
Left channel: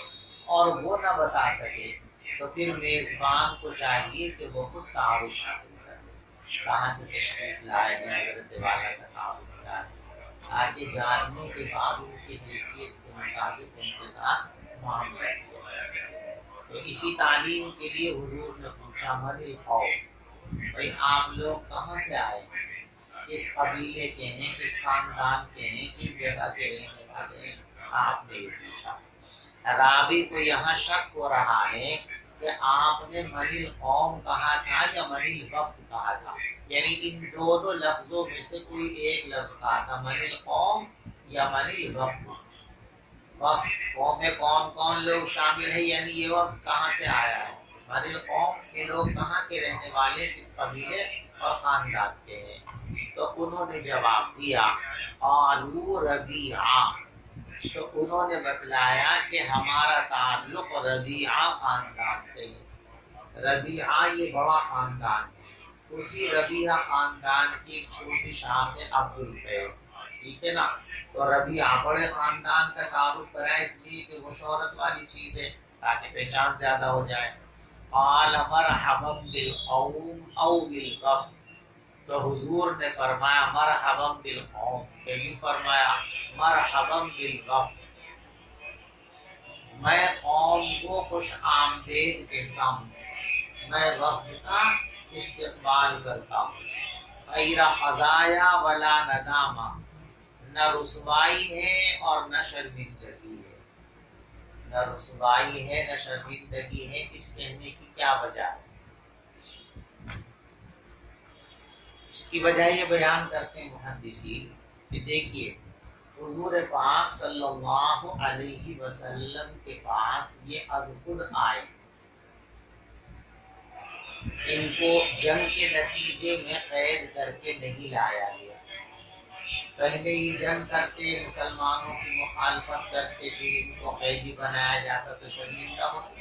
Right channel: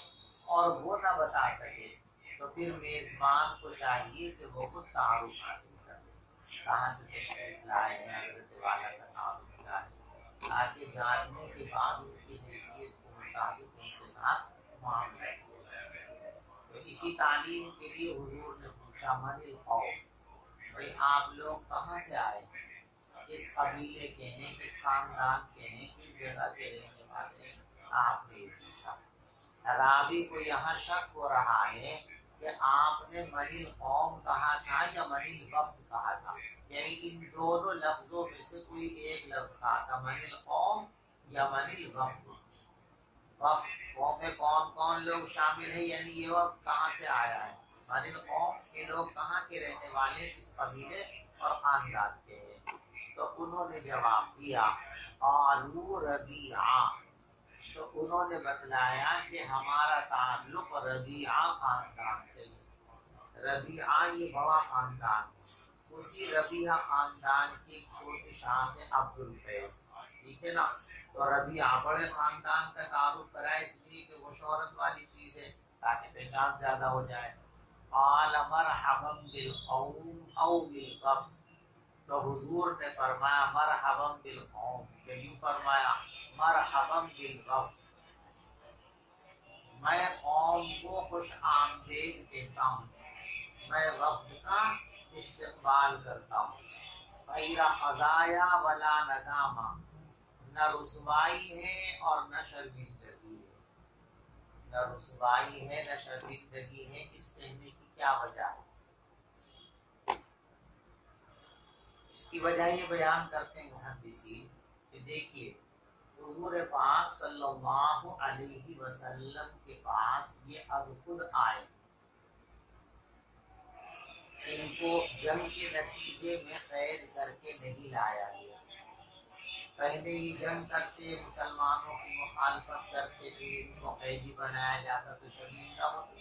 اور وہ نہ بتا سکے، تو پھر میزبان کو چاہیے کہ وہ خود تعارف حاصل کر لے، کہاں سے تشریف لائے ہیں، حضرت والا کا تعارف کیا ہے، آگے جاننے کے بعد ان کی حیثیت کے مطابق ان کے ساتھ معاملہ کیا جا سکے۔ تو اسی تعلیم کے لیے حضور نے پوچھا من القوم، بھائی آپ لوگ کہاں سے آئے ہیں، کس قبیلے کے ہیں، کس خاندان کے ہیں، کس جگہ کے رہنے والے ہیں، آپ نے یہ پوچھا۔ راوی کو یہاں شک ہو رہا ہے کہ آپ نے من القوم کہا تھا یا من الوفد کہا تھا، یعنی ان دونوں لفظوں میں سے کوئی ایک لفظ کہا تھا، من القوم یا من الوفد۔ وفد قوم میں کون کون لوگ شامل ہیں، یعنی یہ وفد کہاں سے آیا ہے، من القوم کے لوگ کہاں کے رہنے والے، کس قبیلے اور خاندان کے ہیں۔ تو انہوں نے جواب دیا قالوا ربیعہ، تو انہوں نے بتلایا کہ ہمارا تعلق ربیعہ خاندان سے ہے۔ ربیعہ یہ بڑا خاندان ہے، اسی ربیعہ خاندان کی ایک چھوٹی شاخ ہے عبد القیس، ٹھیک ہے نا۔ تو ربیعہ بڑے خاندان کا تعارف کرا اس لیے کہ وہ شہرت والی چیز ہے تاکہ پہچان زیادہ ہو جائے۔ قال مرحبا بالقوم او بالوفد، تو حضور نے فرمایا مرحبا بالقوم، کیوں فرمایا مرحبا بالوفد، میں قوم کو خوش آمدید کہتا ہوں، میں وفد کا استقبال کرتا ہوں۔ غیر خزایا ولا ندامہ، نہ رسوائی ہے اور نہ شرمندگی ہے، نہ رسوائی ہے نہ شرمندگی ہے۔ اس کہنے کی کیا وجہ ہے؟ اس کی وجہ یہ بیان کرتے ہیں محدثین کہ دیکھیے حضور پاک صلی اللہ علیہ وسلم کے پاس یہ از خود آئے، ان کو جنگ کے نتیجے میں قید کر کے نہیں لایا گیا، پہلے ہی جنگ کرتے مسلمانوں کی مخالفت کرتے تھے، ان کو قیدی بنایا جاتا تو شرمندہ ہوتے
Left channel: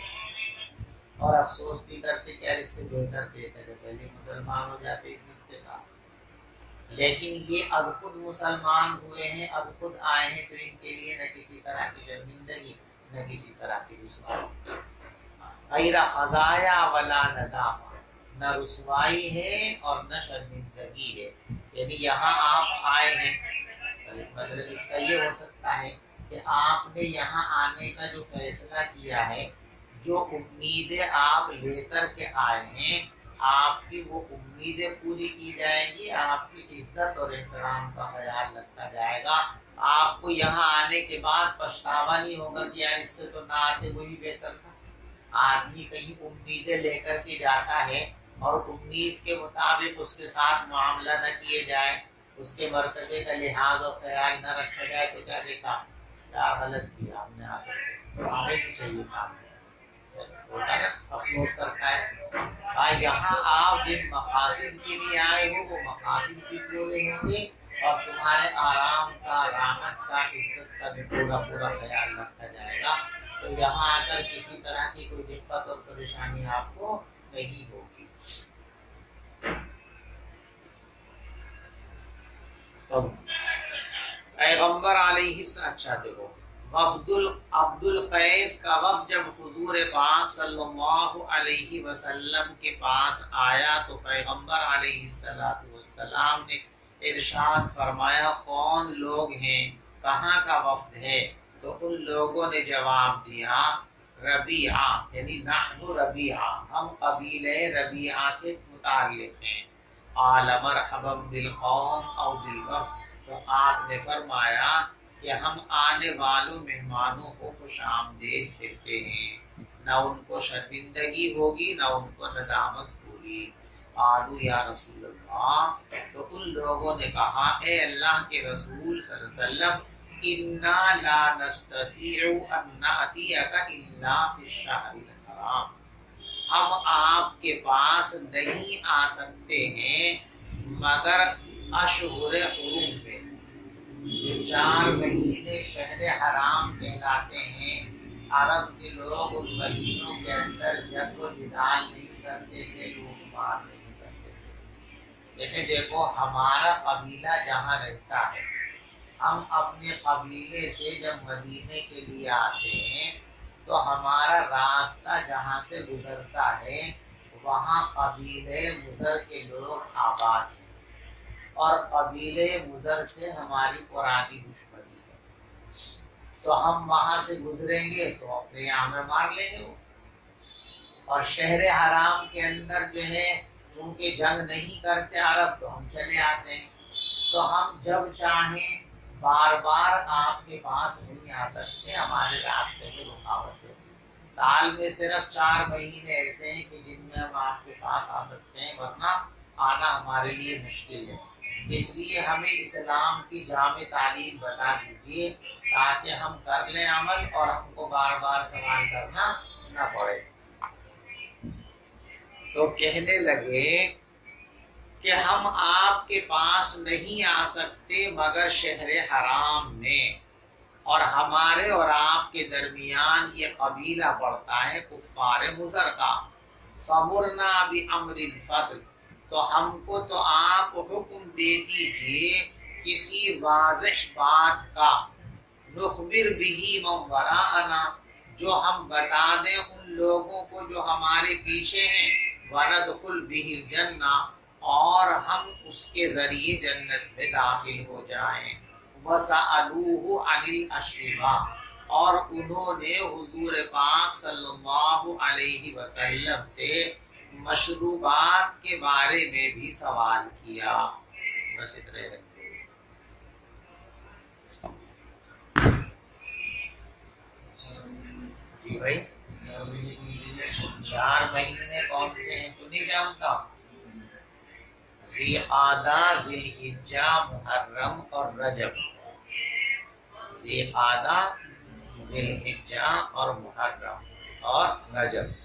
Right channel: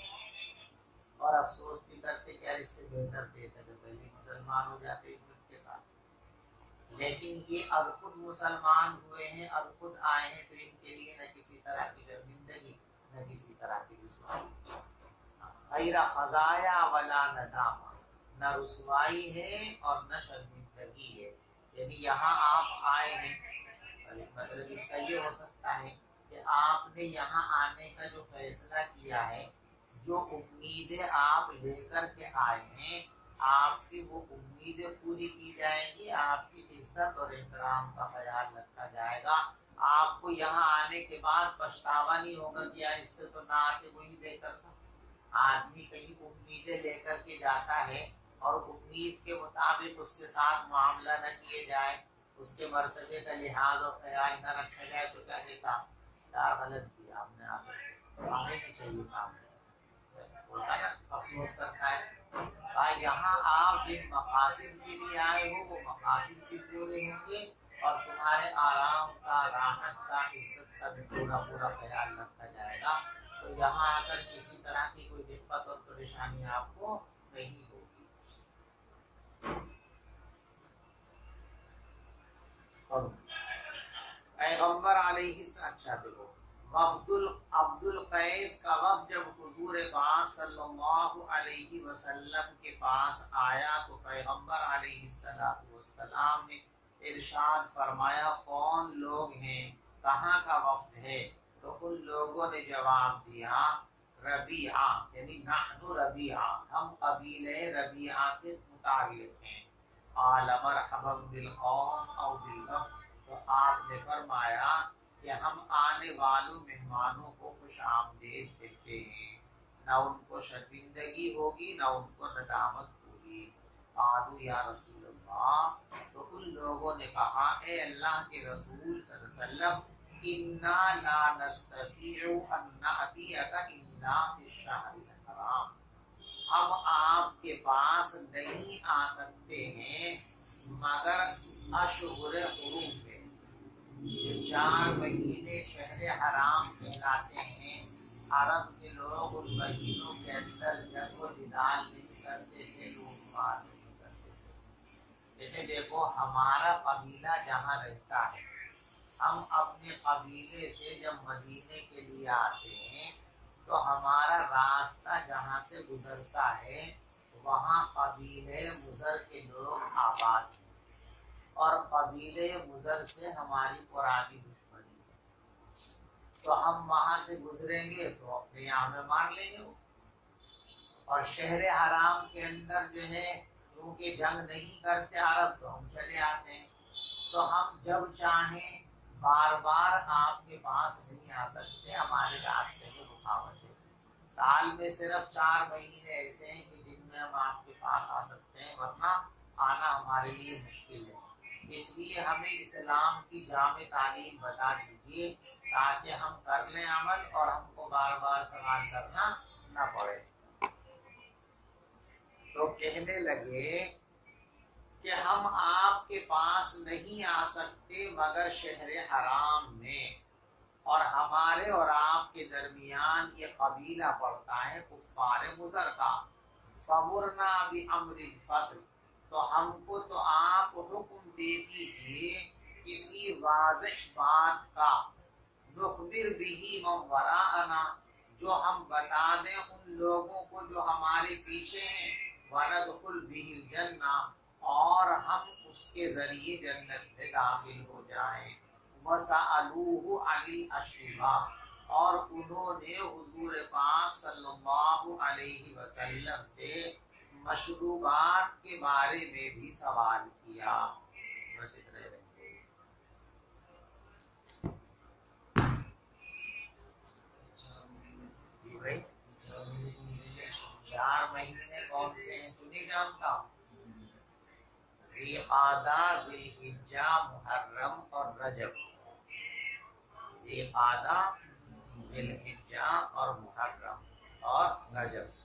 اور افسوس بھی کرتے کہ اس سے بہتر تھے کہ پہلے مسلمان ہو جاتے عزت کے ساتھ۔ لیکن یہ از خود مسلمان ہوئے ہیں، از خود آئے ہیں، تو ان کے لیے نہ کسی طرح کی شرمندگی نہ کسی طرح کی رسوائی، غیر خزایا ولا ندامہ، نہ رسوائی ہے اور نہ شرمندگی ہے۔ یعنی یہاں آپ آئے ہیں، مطلب اس کا یہ ہو سکتا ہے کہ آپ نے یہاں آنے کا جو فیصلہ کیا ہے، جو امیدیں آپ لے کر کے آئے ہیں، آپ کی وہ امیدیں پوری کی جائیں گی، آپ کی عزت اور احترام کا خیال رکھا جائے گا، آپ کو یہاں آنے کے بعد پچھتاوا نہیں ہوگا کہ یار اس سے تو نہ آتے وہی بہتر تھا۔ آدمی کہیں امیدیں لے کر کے جاتا ہے اور امید کے مطابق اس کے ساتھ معاملہ نہ کیے جائے، اس کے مرتبے کا لحاظ اور خیال نہ رکھا جائے تو کیا کہتا کیا غلط کیا ہم نے، آنے کی چاہیے کام ہوتا ہے نا، افسوس کرتا ہے۔ یہاں آپ جن مقاصد کے لیے آئے ہو وہ مقاصد بھی پورے ہوں گے اور تمہارے آرام کا، راحت کا، عزت کا بھی پورا خیال رکھا جائے گا، تو یہاں آ کر کسی طرح کی کوئی دقت اور پریشانی آپ کو نہیں ہوگی۔ پیغمبر علیہ السلام، اچھا دیکھو عبد القیس کا وفد جب حضور پاک صلی اللہ علیہ وسلم کے پاس آیا تو پیغمبر علیہ السلام نے ارشاد فرمایا کون لوگ ہیں، کہاں کا وفد ہے؟ تو ان لوگوں نے جواب دیا ربیعہ، یعنی نحن ربیعہ، ہم قبیلہ ربیعہ کے متعلق ہیں۔ قال مرحبا بالقوم او بالوفد، تو آپ نے فرمایا کہ ہم آنے والوں مہمانوں کو خوش آمدید کہتے ہیں، نہ ان کو شرمندگی ہوگی نہ ان کو ندامت ہوگی۔ قالوا یا رسول اللہ، تو ان لوگوں نے کہا اے اللہ کے رسول صلی اللہ علیہ وسلم انا لا نستطيع ان نأتيك الا في الشهر الحرام، ہم آپ کے پاس نہیں آ سکتے ہیں مگر اشہر حرم میں، یہ 4 مہینے شہر حرام کہلاتے ہیں۔ عرب کے لوگ ان مہینوں کے اندر جنگ و جدال نہیں کرتے تھے، لوٹ لیکن دیکھو ہمارا قبیلہ جہاں رہتا ہے، ہم اپنے قبیلے سے جب مدینے کے لیے آتے ہیں تو ہمارا راستہ جہاں سے گزرتا ہے وہاں قبیلے مضر کے لوگ آباد ہیں، اور قبیلے مضر سے ہماری پرانی دشمنی ہے، تو ہم وہاں سے گزریں گے تو اپنے یہاں میں مار لیں گے وہ۔ اور شہر حرام کے اندر جو ہے چونکہ جنگ نہیں کرتے عرب تو ہم چلے آتے ہیں، تو ہم جب چاہیں بار بار آپ کے پاس نہیں آ سکتے، ہمارے راستے میں رکاوٹ ہوگی۔ سال میں صرف 4 مہینے ایسے ہیں کہ جن میں ہم آپ کے پاس آ سکتے ہیں، ورنہ آنا ہمارے لیے مشکل ہے۔ اس لیے ہمیں اسلام کی جامع تعلیم بتا دیجیے تاکہ ہم کر لیں عمل اور ہم کو بار بار سوال کرنا نہ پڑے۔ تو کہنے لگے کہ ہم آپ کے پاس نہیں آ سکتے مگر شہر حرام میں، اور ہمارے اور آپ کے درمیان یہ قبیلہ پڑتا ہے کفار مضر کا۔ فمرنا بامر الفصل، تو ہم کو تو آپ حکم دے دیجئے کسی واضح بات کا، نخبر به من وراءنا، جو ہم بتا دیں ان لوگوں کو جو ہمارے پیچھے ہیں، وندخل به الجنہ، اور ہم اس کے ذریعے جنت میں داخل ہو جائیں۔ وَسَأَلُوهُ عَنِ الْأَشْرِبَةِ، اور انہوں نے حضور پاک صلی اللہ علیہ وسلم سے مشروبات کے بارے میں بھی سوال کیا۔ بس اتنے رکھتے ہیں۔ جی بھائی 4 مہینے کون سے ہیں تو نہیں جانتا؟ ذی قعدہ، ذی الحجہ، محرم اور رجب۔ ذی قعدہ، ذی الحجہ اور محرم اور رجب۔